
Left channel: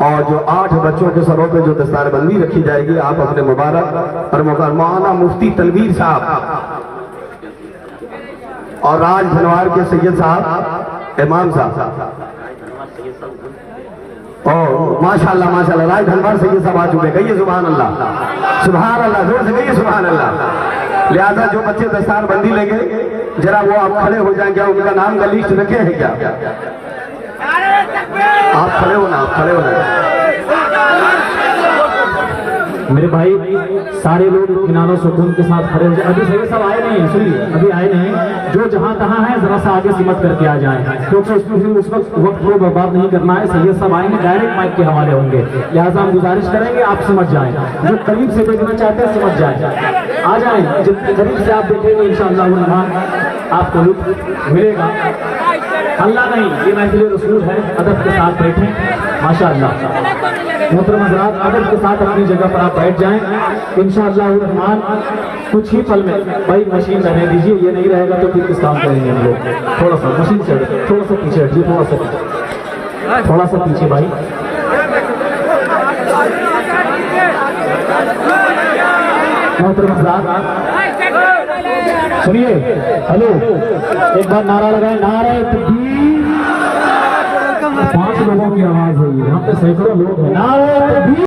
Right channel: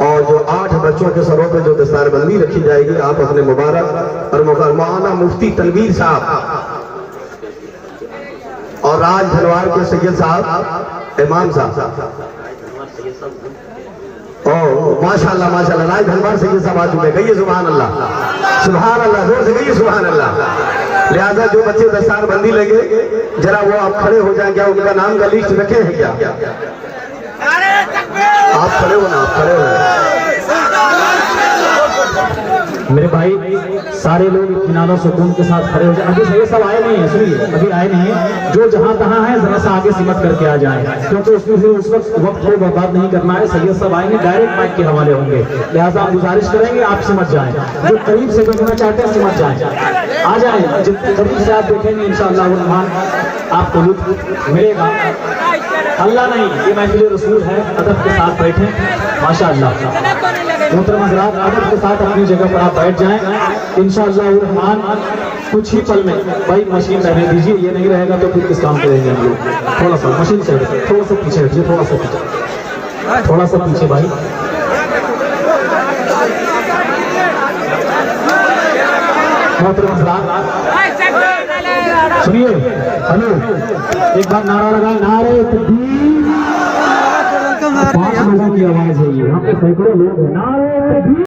और जो 8 बच्चों के सरों पे जो दस्तारबंदी रखी जाएगी आप अपने मुबारक और मौलाना मुफ्ती तनवीर साहब और राज धनवार के सैयद साहब, इमाम साहब, और माशाल्लाह माशाल्लाह राज धनवार सैयद साहब आ चुके। कहिए सुभान अल्लाह, सुभान अल्लाह, जोर से कहिए सुभान अल्लाह। लिहाजा जो बच्चे दस्तारबंदी लेंगे जरा वो आप खड़े हो जाएं। क्या उनका नाम का लिस्ट रखे हैं क्या? आप खड़े हो ना, आप खड़े हो ना। मेरे भाई सारे लोग इत्मीनान सुकून के साथ खड़े हो जाए। अभी सही सब आए नहीं है, सुनिए अभी आए नहीं है। जो जहां तहां है जरा सा आगे सिमट करके आ जाए, क्योंकि उसमें फिर उस वक्त को बर्बाद नहीं करना है। सैयद सब आएंगे, डायरेक्ट माइक के हवाले होंगे, लिहाजा हम गुजारिश करेंगे आप सिमट जाएं। जो करीब से देखना चाहते हैं सिमट जाएं, आ जाए। जितने करीब से आप देखेंगे इंशाअल्लाह रहमान आपको मिलेगा। अल्लाह नहीं, ये महफिल रसूल है। अदब के साथ बैठे माशाअल्लाह। अदब के साथ अपनी जगह पर आप बैठ जाएं इंशाअल्लाह रहमान। कुछ ही पल में भाई मशीन रहने दीजिए, ये नहीं रहेगा तो फिर किस काम करेंगे हम लोग। थोड़ा सा मशीन से थोड़ा सा पीछे हटिए, थोड़ा सा पीछे, थोड़ा सा पीछे भाई। सुनिए, हेलो, एक बार नारा लगाए, नारे तकबीर। 5 लोगों की आवाज है, यहाँ पे सैकड़ों लोग हैं। नारे तकबीर।